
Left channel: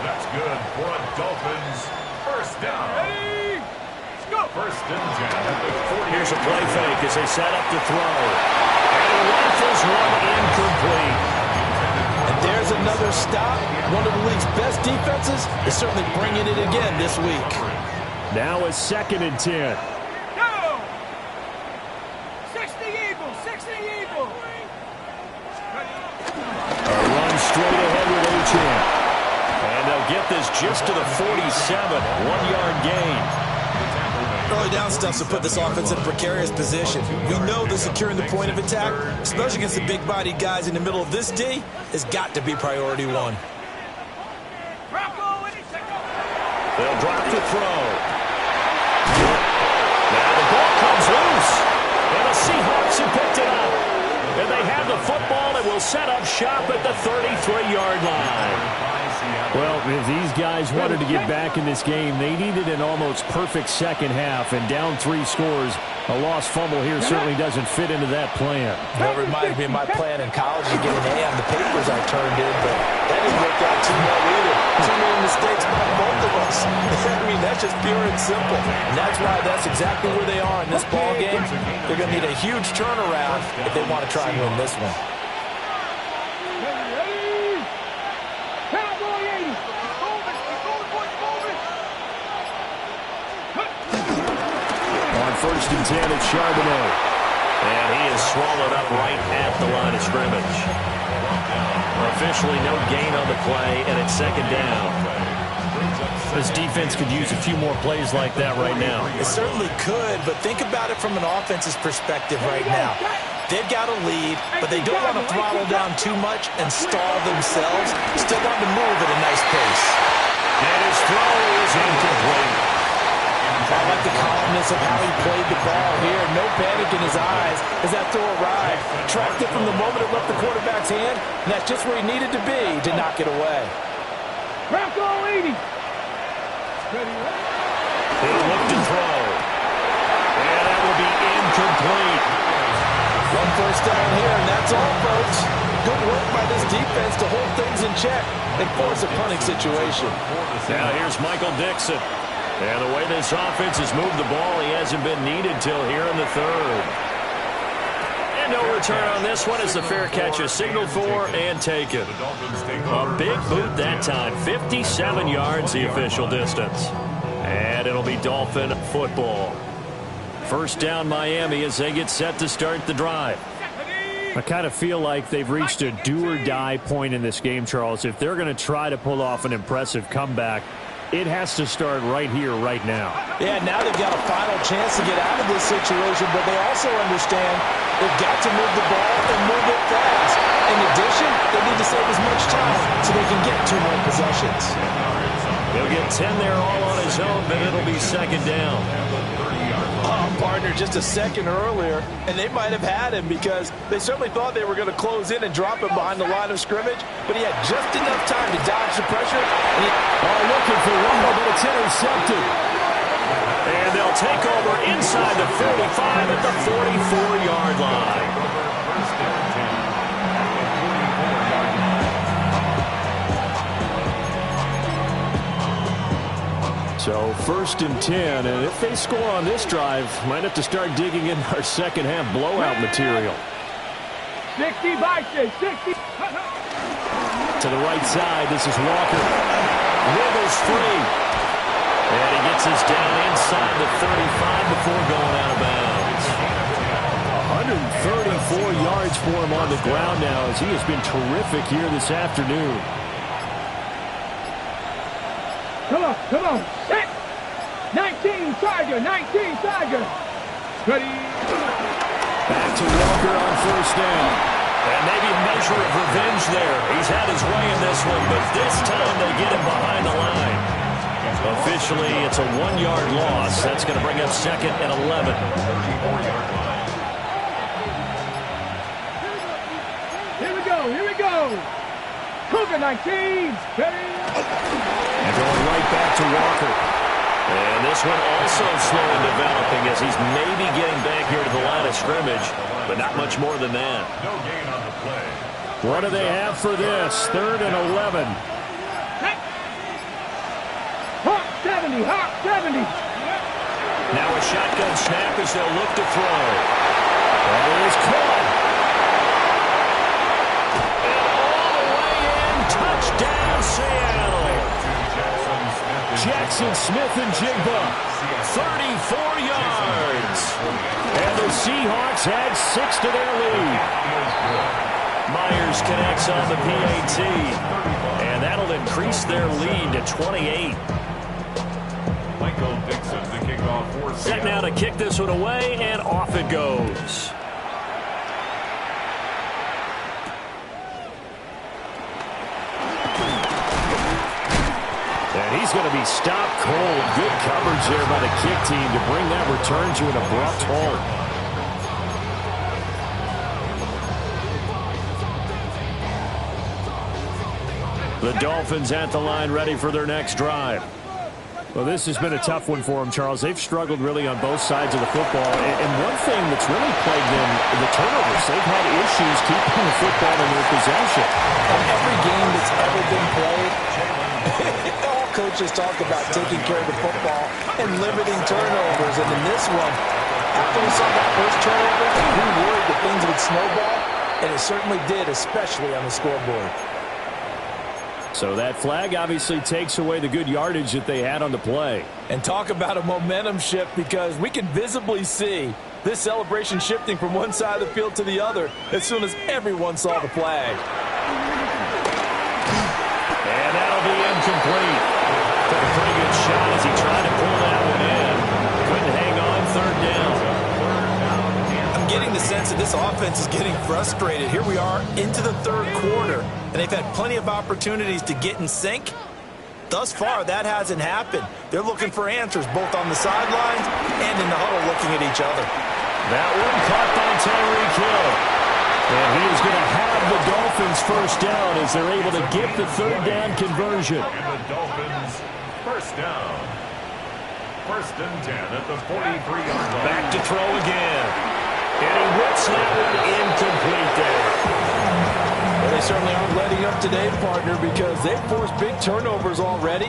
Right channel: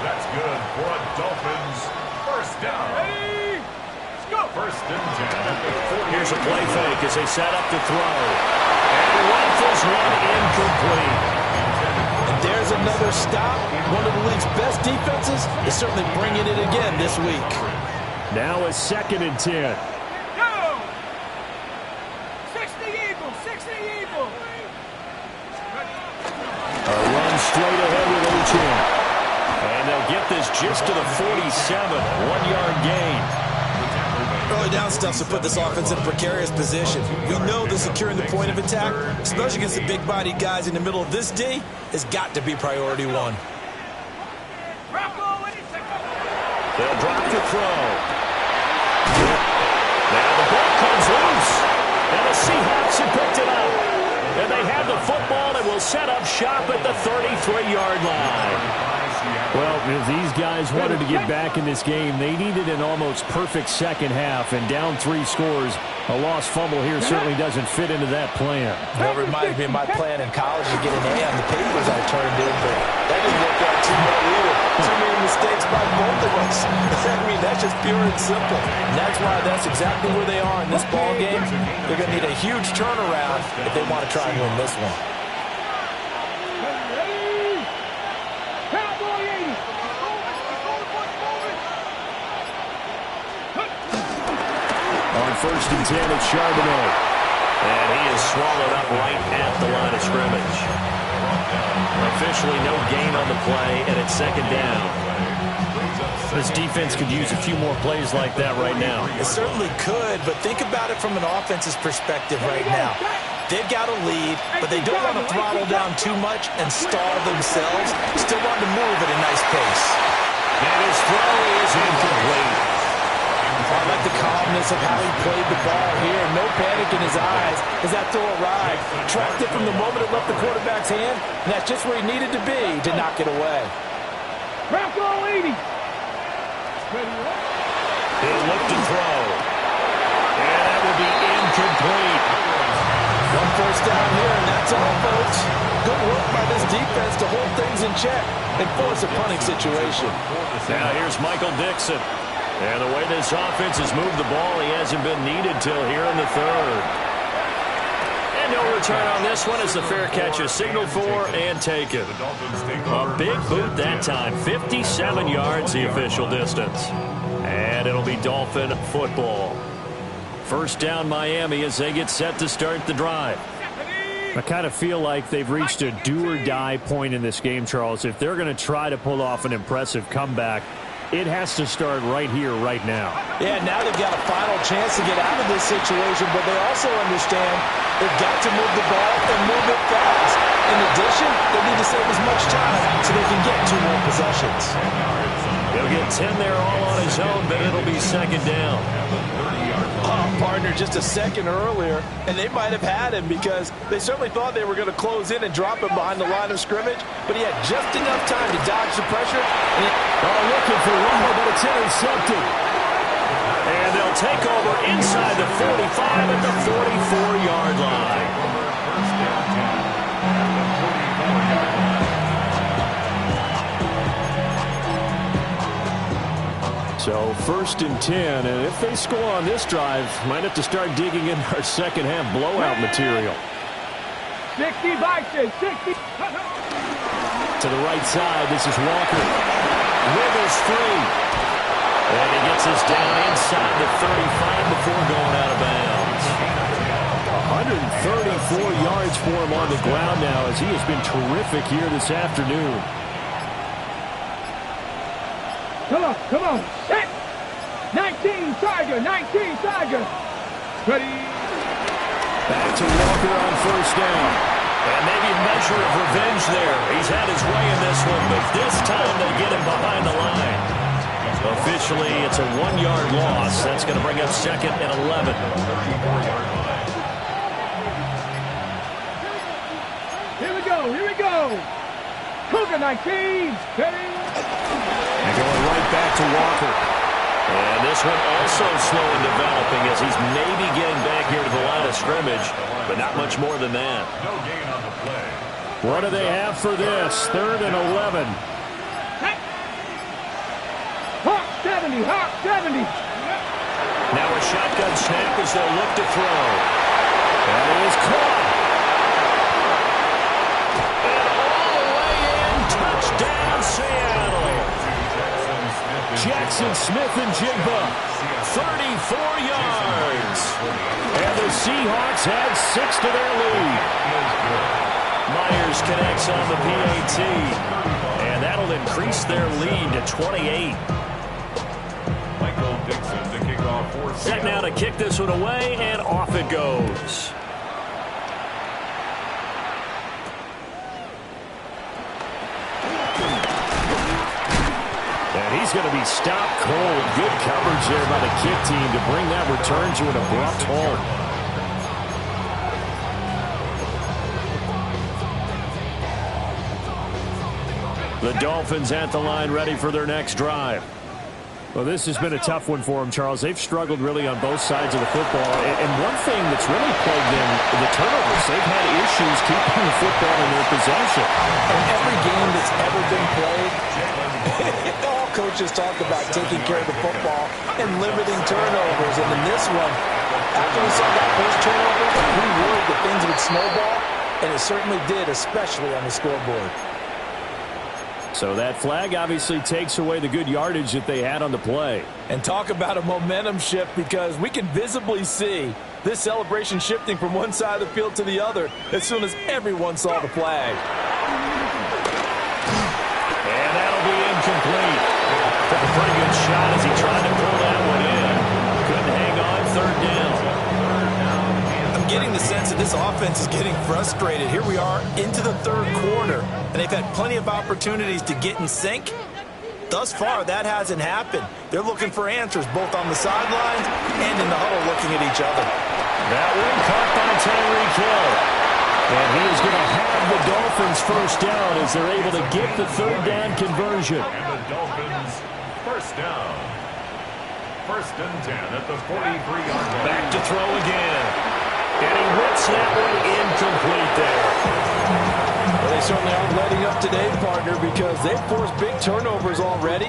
That's good for a Dolphins first down. Ready? Let's go. First and 10 at the 40. Here's a play fake as they set up to throw. And he rifles one incomplete. And there's another stop. One of the league's best defenses is certainly bringing it again this week. Now a 2nd and 10. Go. 60 Eagles. 60 Eagles. A run straight ahead with Achane. And they'll get this just to the 47. 1-yard gain. Early down stuff to put this offense in a precarious position. We know that securing the point of attack, especially against the big-bodied guys in the middle of this D, has got to be priority one. They'll drop to throw. Now the ball comes loose. And the Seahawks have picked it up. And they have the football and will set up shop at the 33-yard line. Well, if these guys wanted to get back in this game, they needed an almost perfect second half, and down 3 scores. A lost fumble here certainly doesn't fit into that plan. That reminds me of my plan in college to get an A on the papers I turned in, but that didn't work out too well either. Too many mistakes by both of us. I mean, that's just pure and simple. And that's why that's exactly where they are in this ball game. They're going to need a huge turnaround if they want to try and win this one. On 1st and 10, it's Charbonnet. And he is swallowed up right at the line of scrimmage. Officially no gain on the play, and it's 2nd down. This defense could use a few more plays like that right now. It certainly could, but think about it from an offense's perspective right now. They've got a lead, but they don't want to throttle down too much and stall themselves. Still want to move at a nice pace. And his throw is incomplete. I like the calmness of how he played the ball here. No panic in his eyes as that throw arrived. Tracked it from the moment it left the quarterback's hand, and that's just where he needed to be to knock it away. Bronco 80. He'll look to throw. And that will be incomplete. One first down here, and that's all, folks. Good work by this defense to hold things in check and force a punting situation. Now here's Michael Dixon. And the way this offense has moved the ball, he hasn't been needed till here in the 3rd. And no return on this one as the fair catch is signaled for and taken. A big boot that time. 57 yards the official distance. And it'll be Dolphin football. First down Miami as they get set to start the drive. I kind of feel like they've reached a do-or-die point in this game, Charles. If they're going to try to pull off an impressive comeback, it has to start right here, right now. Yeah, now they've got a final chance to get out of this situation, but they also understand they've got to move the ball and move it fast. In addition, they need to save as much time so they can get 2 more possessions. He'll get 10 there all on his own, but it'll be 2nd down. Partner just a second earlier, and they might have had him because they certainly thought they were going to close in and drop him behind the line of scrimmage, but he had just enough time to dodge the pressure. And looking for Waddle, but it's intercepted. And they'll take over inside the 45 at the 44-yard line. First down 10 at the 44-yard line. So 1st and 10, and if they score on this drive, might have to start digging in our second half blowout material. 60 Vikings, 60. To the right side, this is Walker. Wiggles free. And he gets us down inside the 35 before going out of bounds. 134 yards for him on the ground now as he has been terrific here this afternoon. Come on, set. 19 Tiger, 19 Tiger. Ready. Back to Walker on 1st down. And maybe a measure of revenge there. He's had his way in this one, but this time they get him behind the line. Officially, it's a 1-yard loss. That's going to bring up 2nd and 11. 34-yard line. Here we go. Cougar 19. Ready. And going right back to Walker. And this one also slow in developing as he's maybe getting back here to the line of scrimmage, but not much more than that. No gain on the play. What do they have for this? 3rd and 11. Hawk 70, Hawk 70. Now a shotgun snap as they'll look to throw. That is caught. And all the way in, touchdown Seattle. Jackson Smith and Jigba, 34 yards. And the Seahawks add 6 to their lead. Myers connects on the PAT. And that'll increase their lead to 28. Michael Dixon to kick off for Set now to kick this one away, and off it goes. And he's going to be stopped cold. Good coverage there by the kick team to bring that return to an abrupt halt. The Dolphins at the line, ready for their next drive. Well, this has been a tough one for them, Charles. They've struggled really on both sides of the football. And one thing that's really plagued them, the turnovers. They've had issues keeping the football in their possession. And every game that's ever been played, all coaches talk about taking care of the football and limiting turnovers. And in this one, after we saw that first turnover, we worried that things would snowball. And it certainly did, especially on the scoreboard. So that flag obviously takes away the good yardage that they had on the play. And talk about a momentum shift, because we can visibly see this celebration shifting from one side of the field to the other as soon as everyone saw the flag. And that'll be incomplete. Took a pretty good shot as he tried to pull that one in. Couldn't hang on, 3rd down. I'm getting the sense that this offense is getting frustrated. Here we are into the 3rd quarter, and they've had plenty of opportunities to get in sync. Thus far, that hasn't happened. They're looking for answers both on the sidelines and in the huddle looking at each other. That one caught by Tyreek Hill. And he is going to have the Dolphins first down as they're able to get the 3rd down conversion. And the Dolphins first down. 1st and 10 at the 43-yard line. Back to throw again. And he whips that one incomplete there. Well, they certainly aren't letting up today, partner, because they've forced big turnovers already.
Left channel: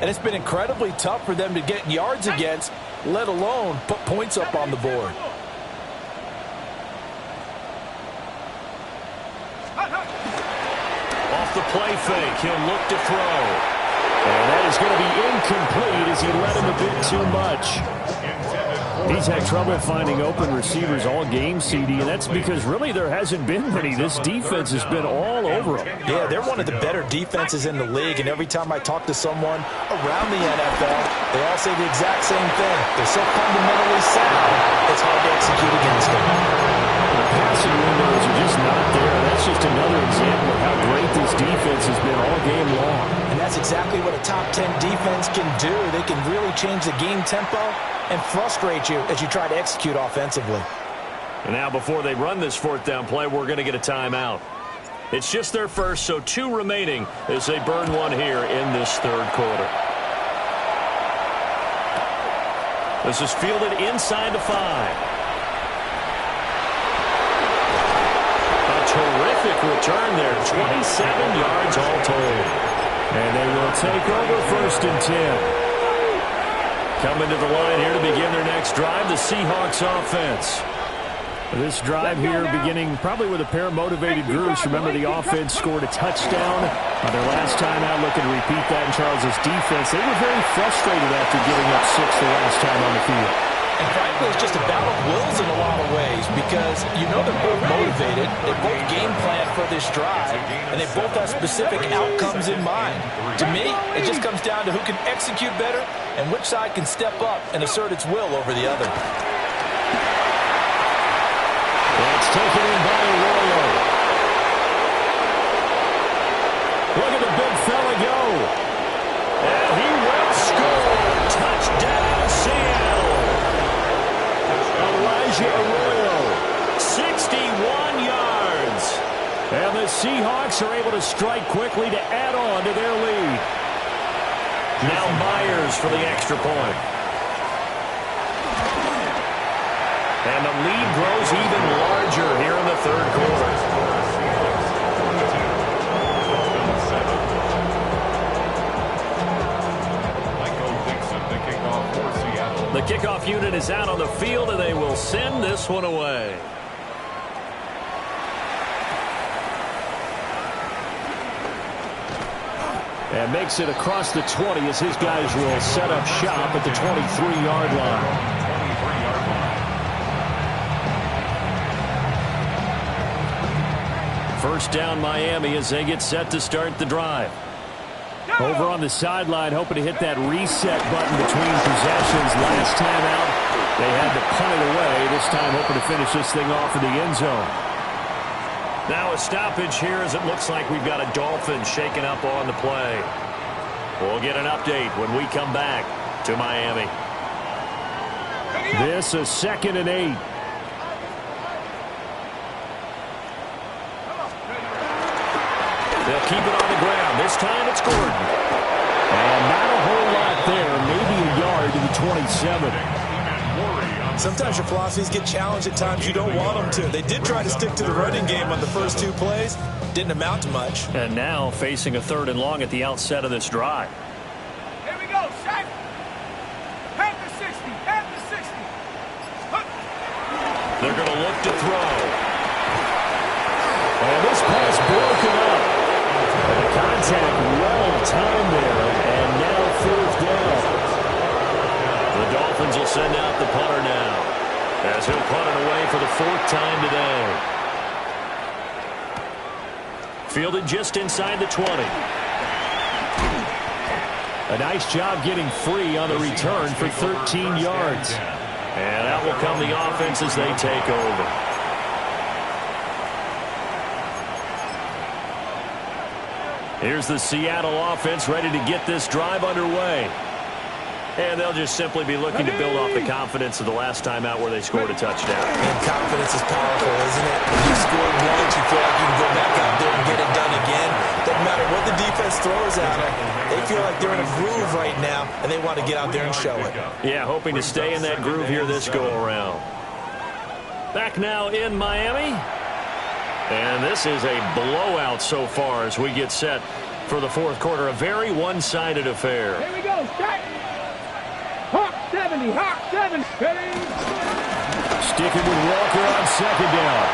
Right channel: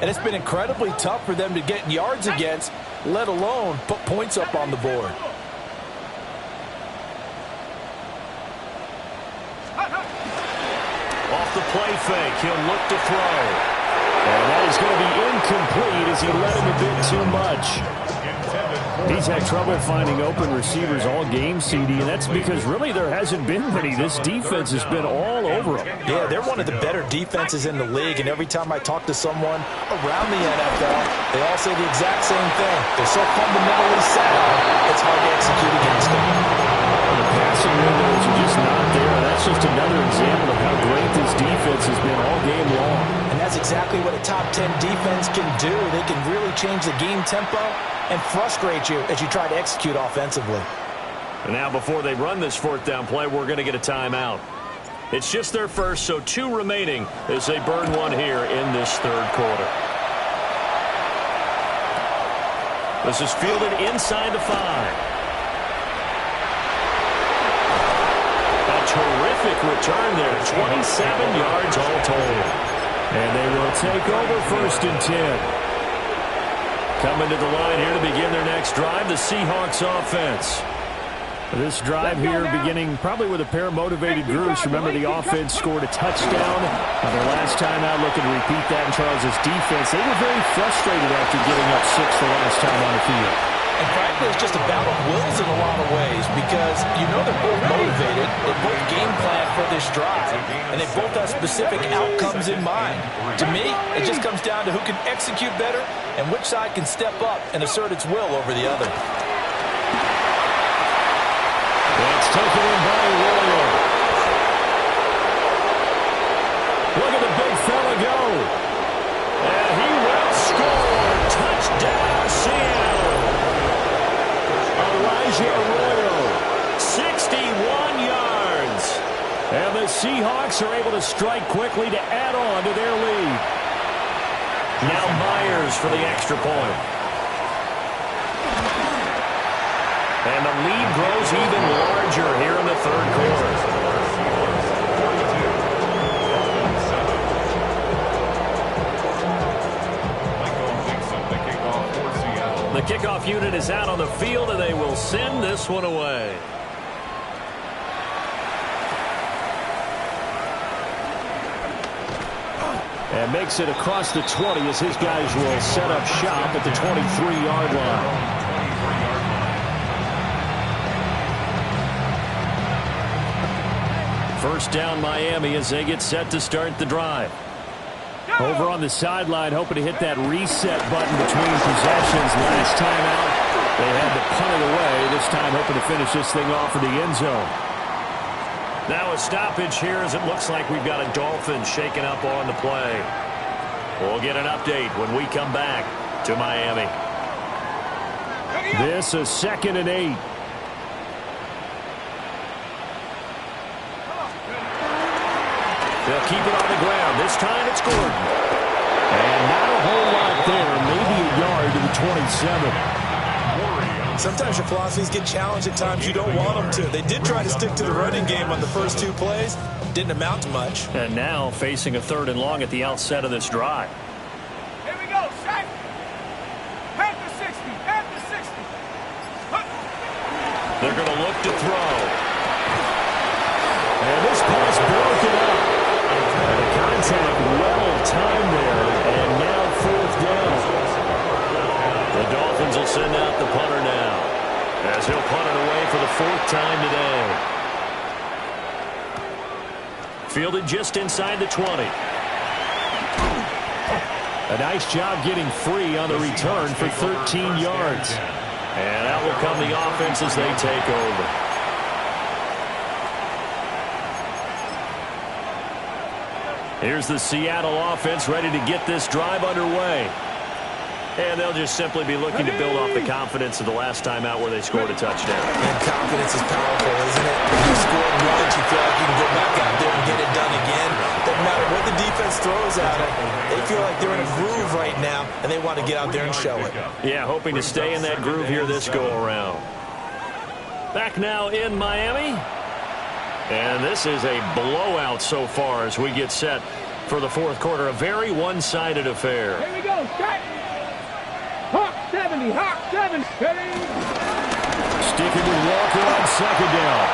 And it's been incredibly tough for them to get yards against, let alone put points up on the board. Off the play fake, he'll look to throw. And that is going to be incomplete as he led him a bit too much. He's had trouble finding open receivers all game, CD, and that's because really there hasn't been many. This defense has been all over him. Yeah, they're one of the better defenses in the league, and every time I talk to someone around the NFL, they all say the exact same thing. They're so fundamentally sound, it's hard to execute against them. The passing windows are just not there. That's just another example of how great this defense has been all game long. And that's exactly what a top 10 defense can do. They can really change the game tempo and frustrate you as you try to execute offensively. And now before they run this 4th down play, we're going to get a timeout. It's just their first, so 2 remaining as they burn one here in this 3rd quarter. This is fielded inside the 5. A terrific return there, 27 yards all told. And they will take over 1st and 10. Coming to the line here to begin their next drive, the Seahawks offense. This drive here beginning probably with a pair of motivated groups. Remember, the offense scored a touchdown on their last time out, looking to repeat that in Charles's defense. They were very frustrated after giving up 6 the last time on the field. And frankly, it's just a battle of wills in a lot of ways, because you know they're both motivated, they both game plan for this drive, and they both have specific outcomes in mind. To me, it just comes down to who can execute better and which side can step up and assert its will over the other. That's taken in by Arroyo. Look at the big fella go. And he will score. Touchdown, Seattle. Elijah Arroyo, 61 yards. And the Seahawks are able to strike quickly to add on to their lead. Now Myers for the extra point. And the lead grows even larger here in the third quarter. The kickoff unit is out on the field, and they will send this one away. And makes it across the 20 as his guys will set up shop at the 23-yard line. First down Miami as they get set to start the drive. Over on the sideline, hoping to hit that reset button between possessions. Last time out, they had to punt it away. This time, hoping to finish this thing off in the end zone. Now a stoppage here as it looks like we've got a Dolphin shaken up on the play. We'll get an update when we come back to Miami. This is 2nd and 8. They'll keep it on the ground. This time it's Gordon. And not a whole lot there. Maybe a yard to the 27. Sometimes your philosophies get challenged at times you don't want them to. They did try to stick to the running game on the first 2 plays. Didn't amount to much. And now facing a 3rd and long at the outset of this drive. Here we go, set. Head to 60, head to 60. They're going to look to throw. And this pass broken up. And the contact well-timed there. And now 4th down. The Dolphins will send out the punter now, as he'll punt it away for the 4th time today. Fielded just inside the 20. A nice job getting free on the return for 13 yards. And out will come the offense as they take over. Here's the Seattle offense ready to get this drive underway. And they'll just simply be looking to build off the confidence of the last time out where they scored a touchdown. And confidence is powerful, isn't it? You scored once, you feel like you can go back out there and get it done again. Doesn't matter what the defense throws at them. They feel like they're in a groove right now, and they want to get out there and show it. Yeah, hoping to stay in that groove here this go-around. Back now in Miami. And this is a blowout so far as we get set for the 4th quarter. A very one-sided affair. Here we go, set. Hawk 70, Hawk 70. Sticking with Walker on 2nd down.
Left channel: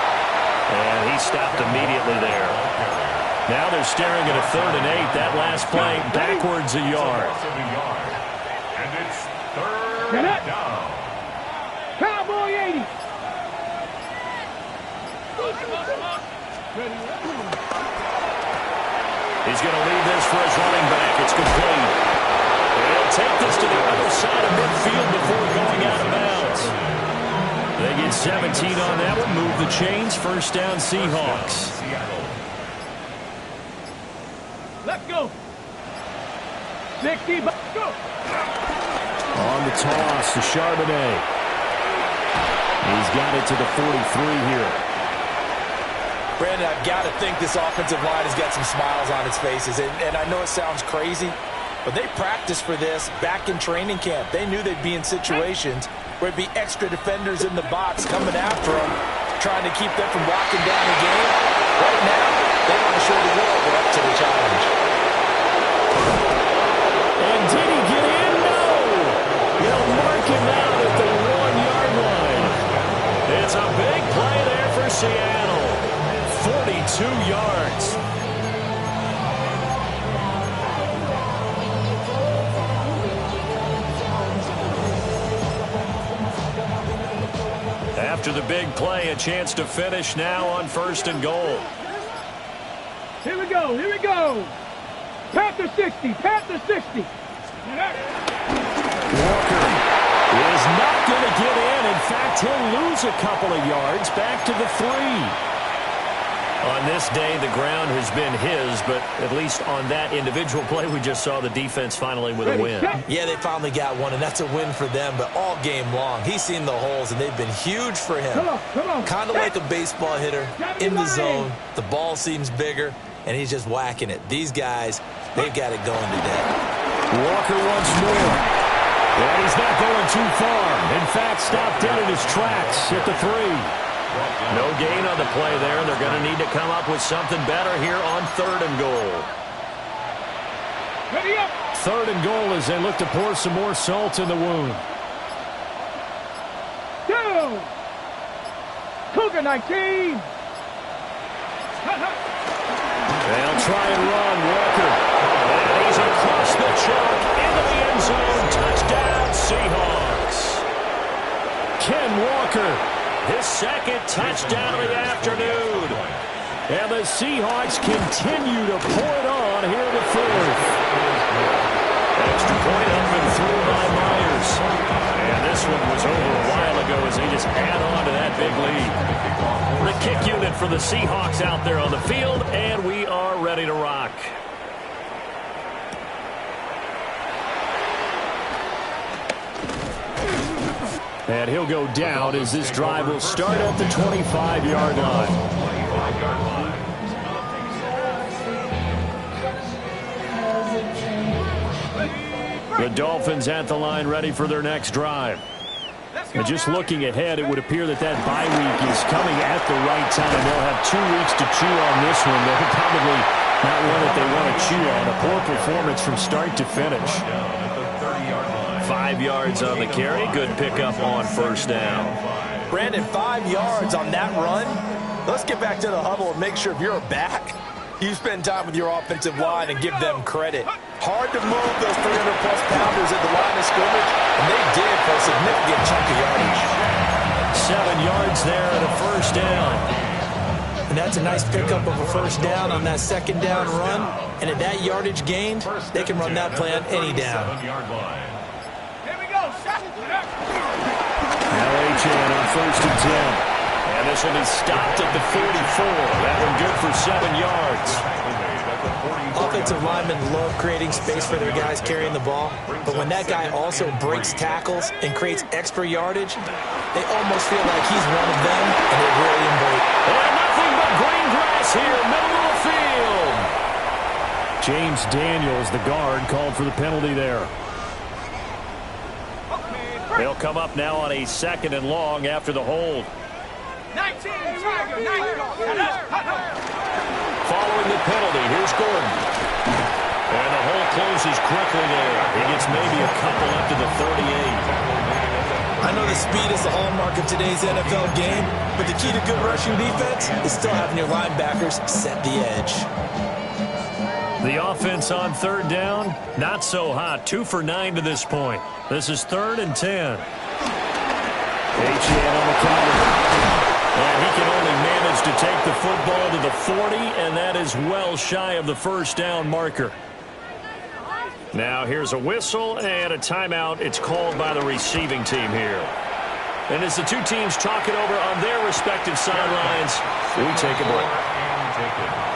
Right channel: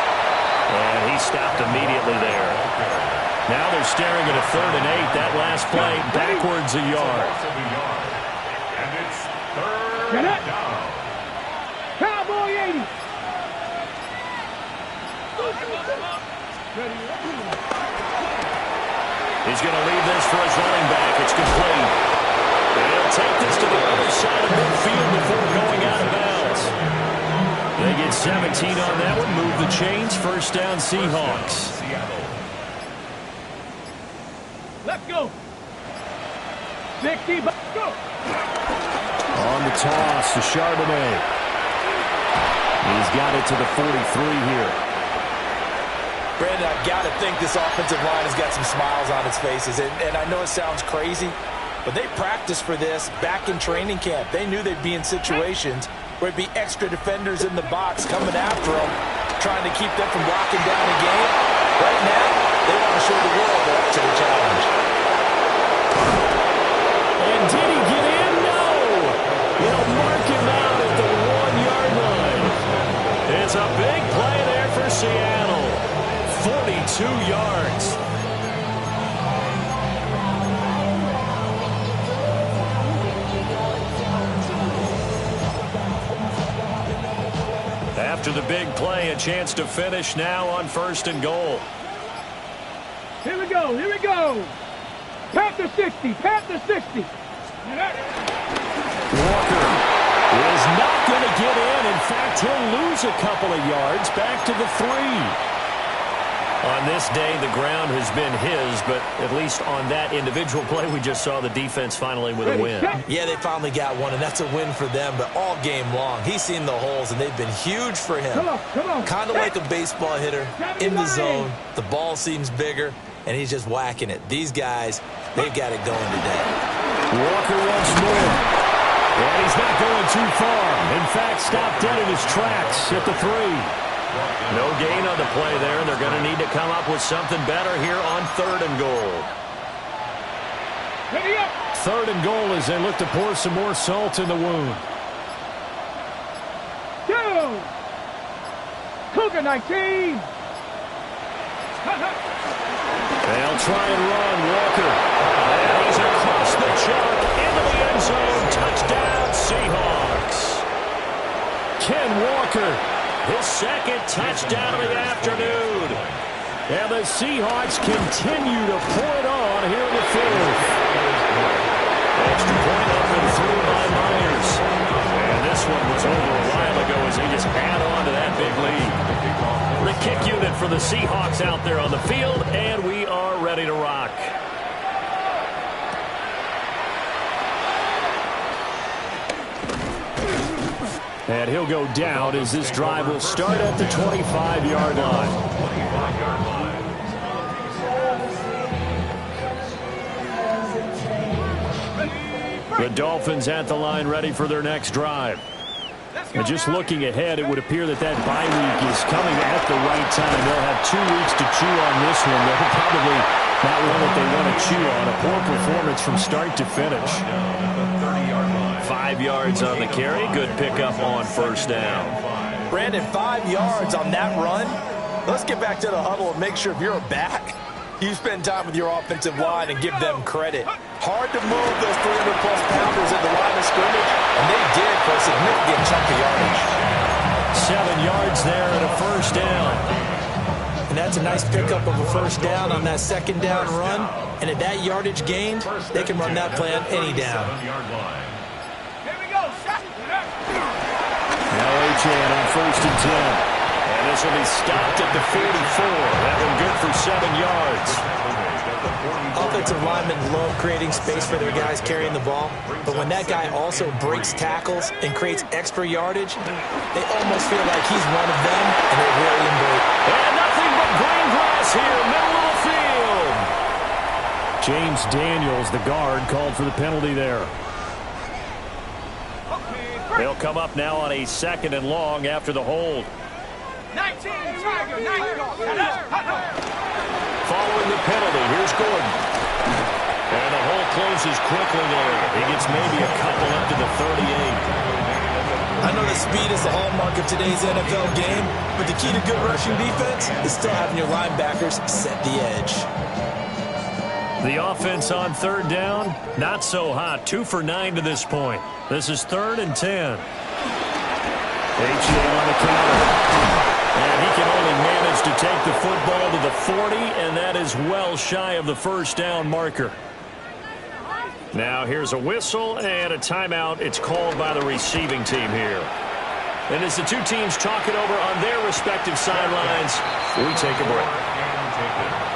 And he stopped immediately there. Now they're staring at a 3rd and 8. That last play backwards a yard. And it's 3rd down. Cowboy 80. He's going to leave this for his running back. It's complete. And he'll take this to the other side of midfield before going out of bounds. They get 17 on that one. Move the chains. First down, Seahawks. Let's go. 60, go. On the toss to Charbonnet. He's got it to the 43 here. Brandon, I've got to think this offensive line has got some smiles on its faces. And I know it sounds crazy, but they practiced for this back in training camp. They knew they'd be in situations where it'd be extra defenders in the box coming after them, trying to keep them from locking down the game. Right now, they want to show the world they're up to the challenge. And did he get in? No! They'll mark him out at the 1-yard line. It's a big play there for Seattle. 42 yards. After the big play, a chance to finish now on 1st and goal. Here we go, here we go. Panther 60, Panther 60. Walker is not going to get in. In fact, he'll lose a couple of yards back to the 3. On this day, the ground has been his, but at least on that individual play, we just saw the defense finally with a win. Yeah, they finally got one, and that's a win for them, but all game long, he's seen the holes, and they've been huge for him. Come on. Kind of like a baseball hitter in the zone. The ball seems bigger, and he's just whacking it. These guys, they've got it going today. Walker once more. And he's not going too far. In fact, stopped dead in his tracks at the 3. No gain on the play there. They're going to need to come up with something better here on 3rd and goal. Ready up. 3rd and goal as they look to pour some more salt in the wound. Go. Cougar 19. They'll try and run. Walker. And he's across the chalk into the end zone. Touchdown, Seahawks. Ken Walker, his 2nd touchdown of the afternoon. And the Seahawks continue to pour it on here in the 4th. Extra point up and through by Myers. And this one was over a while ago as they just add on to that big lead. The kick unit for the Seahawks out there on the field, and we are ready to rock. And he'll go down as this drive will start at the 25-yard line. 25-yard line. The Dolphins at the line ready for their next drive. And just looking ahead, it would appear that bye week is coming at the right time. They'll have 2 weeks to chew on this one. They're probably not one that they want to chew on. A poor performance from start to finish. 5 yards on the carry. Good pickup on 1st down. Brandon, 5 yards on that run. Let's get back to the huddle and make sure if you're a back, you spend time with your offensive line and give them credit. Hard to move those 300-plus pounders at the line of scrimmage, and they did for a significant chunk of yardage. 7 yards there and a 1st down. And that's a nice pickup of a 1st down on that 2nd down run. And at that yardage gained, they can run that play on any down. Here we go. Now Achane on 1st and 10. And this will be stopped at the 44. That one good for 7 yards. Offensive linemen love creating space for their guys carrying the ball. But when that guy also breaks tackles and creates extra yardage, they almost feel like he's one of them, and they really embrace. And nothing but green grass here, middle of the field. James Daniels, the guard, called for the penalty there. They'll come up now on a 2nd and long after the hold. 19, Tiger, 19. Following the penalty, here's Gordon. And the hole closes quickly there. He gets maybe a couple up to the 38. I know the speed is the hallmark of today's NFL game, but the key to good rushing defense is still having your linebackers set the edge. The offense on 3rd down, not so hot. 2 for 9 to this point. This is 3rd and 10. Achane on the counter. And he can only manage to take the football to the 40, and that is well shy of the 1st down marker. Now here's a whistle and a timeout. It's called by the receiving team here. And as the two teams talk it over on their respective sidelines, we take a break.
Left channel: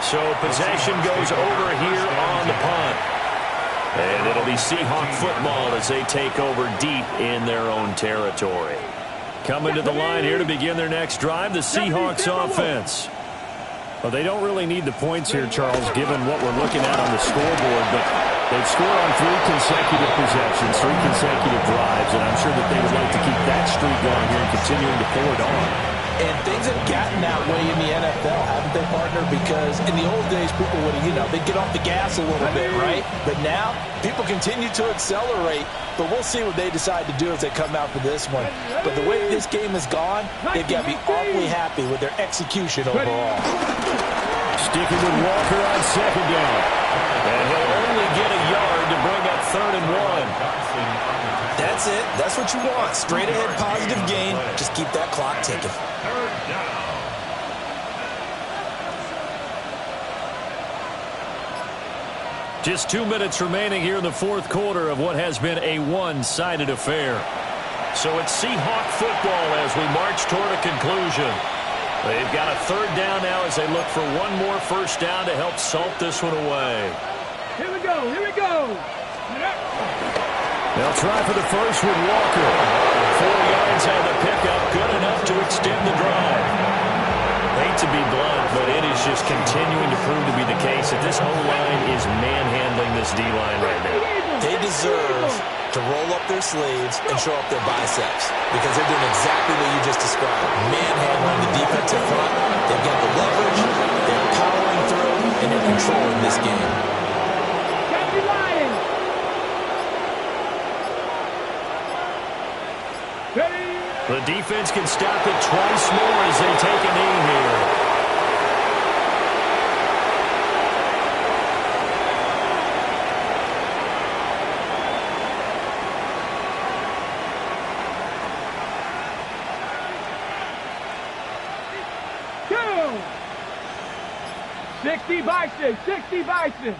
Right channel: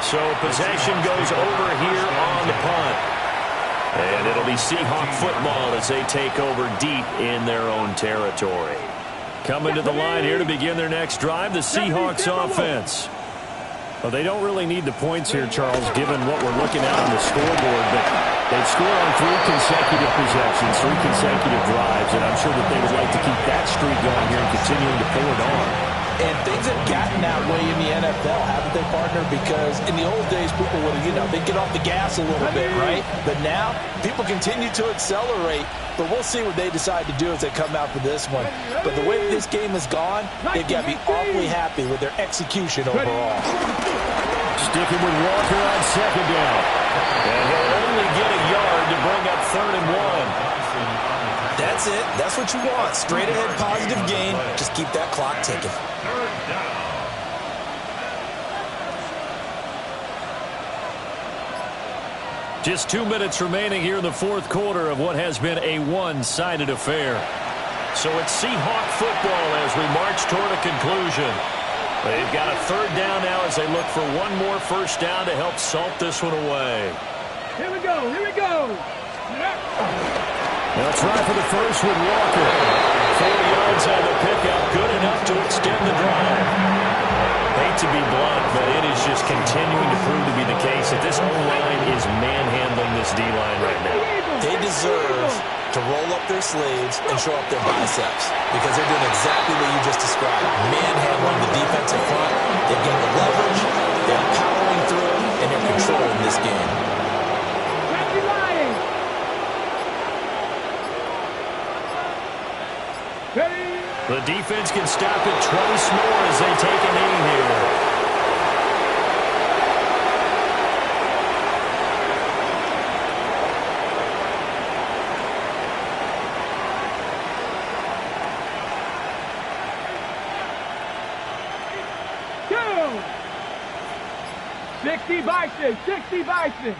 So possession goes over here on the punt. And it'll be Seahawk football as they take over deep in their own territory. Coming to the line here to begin their next drive, the Seahawks offense. Well, they don't really need the points here, Charles, given what we're looking at on the scoreboard, but they've scored on 3 consecutive possessions, 3 consecutive drives, and I'm sure that they would like to keep that streak going here and continuing to pour it on. And things have gotten that way in the NFL, haven't they, partner? Because in the old days, people would, they'd get off the gas a little bit, right? But now, people continue to accelerate. But we'll see what they decide to do as they come out for this one. But the way that this game has gone, they've got to be awfully happy with their execution overall. Sticking with Walker on 2nd down. And he'll only get a yard to bring up 3rd and 1. That's it. That's what you want. Straight ahead positive gain. Just keep that clock ticking. 3rd down. Just 2 minutes remaining here in the 4th quarter of what has been a one-sided affair. So it's Seahawk football as we march toward a conclusion. They've got a 3rd down now as they look for one more 1st down to help salt this one away. Here we go. Here we go. They'll try for the first with Walker. 4 yards on the pickup, good enough to extend the drive. Hate to be blunt, but it is just continuing to prove to be the case that this O-line is manhandling this D-line right now. They deserve to roll up their sleeves and show up their biceps because they're doing exactly what you just described, manhandling the defensive front. They've got the leverage, they're powering through, and they're controlling this game. The defense can stop it twice more as they take a knee here. Two. 60 Bison, 60 Bison.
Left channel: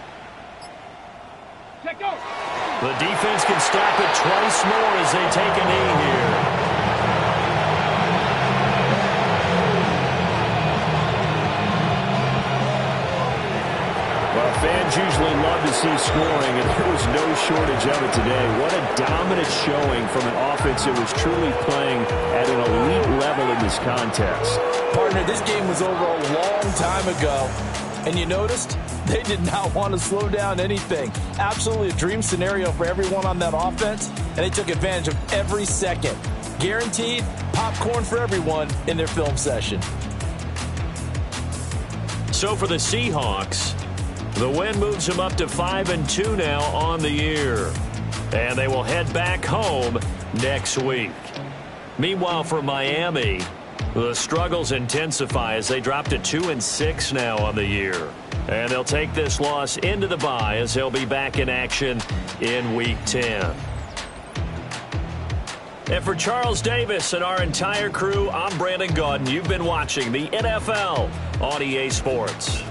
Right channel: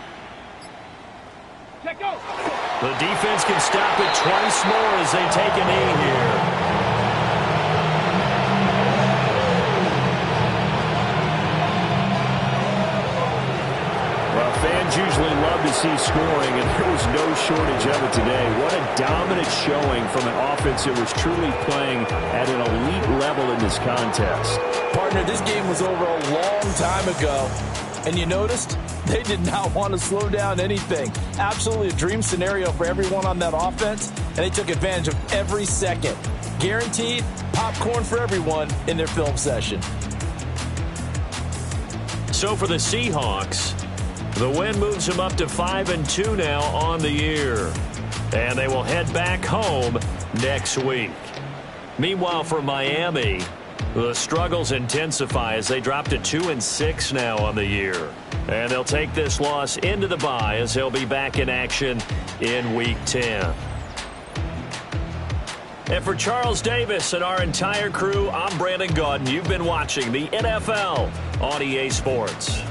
Check out. The defense can stop it twice more as they take a knee here. Well, fans usually love to see scoring, and there was no shortage of it today. What a dominant showing from an offense that was truly playing at an elite level in this contest. Partner, this game was over a long time ago, and you noticed they did not want to slow down anything. Absolutely a dream scenario for everyone on that offense, and they took advantage of every second. Guaranteed popcorn for everyone in their film session. So for the Seahawks, the win moves them up to 5-2 now on the year. And they will head back home next week. Meanwhile, for Miami, the struggles intensify as they drop to 2-6 now on the year. And they'll take this loss into the bye as they'll be back in action in Week 10. And for Charles Davis and our entire crew, I'm Brandon Gaudin. You've been watching the NFL on EA Sports.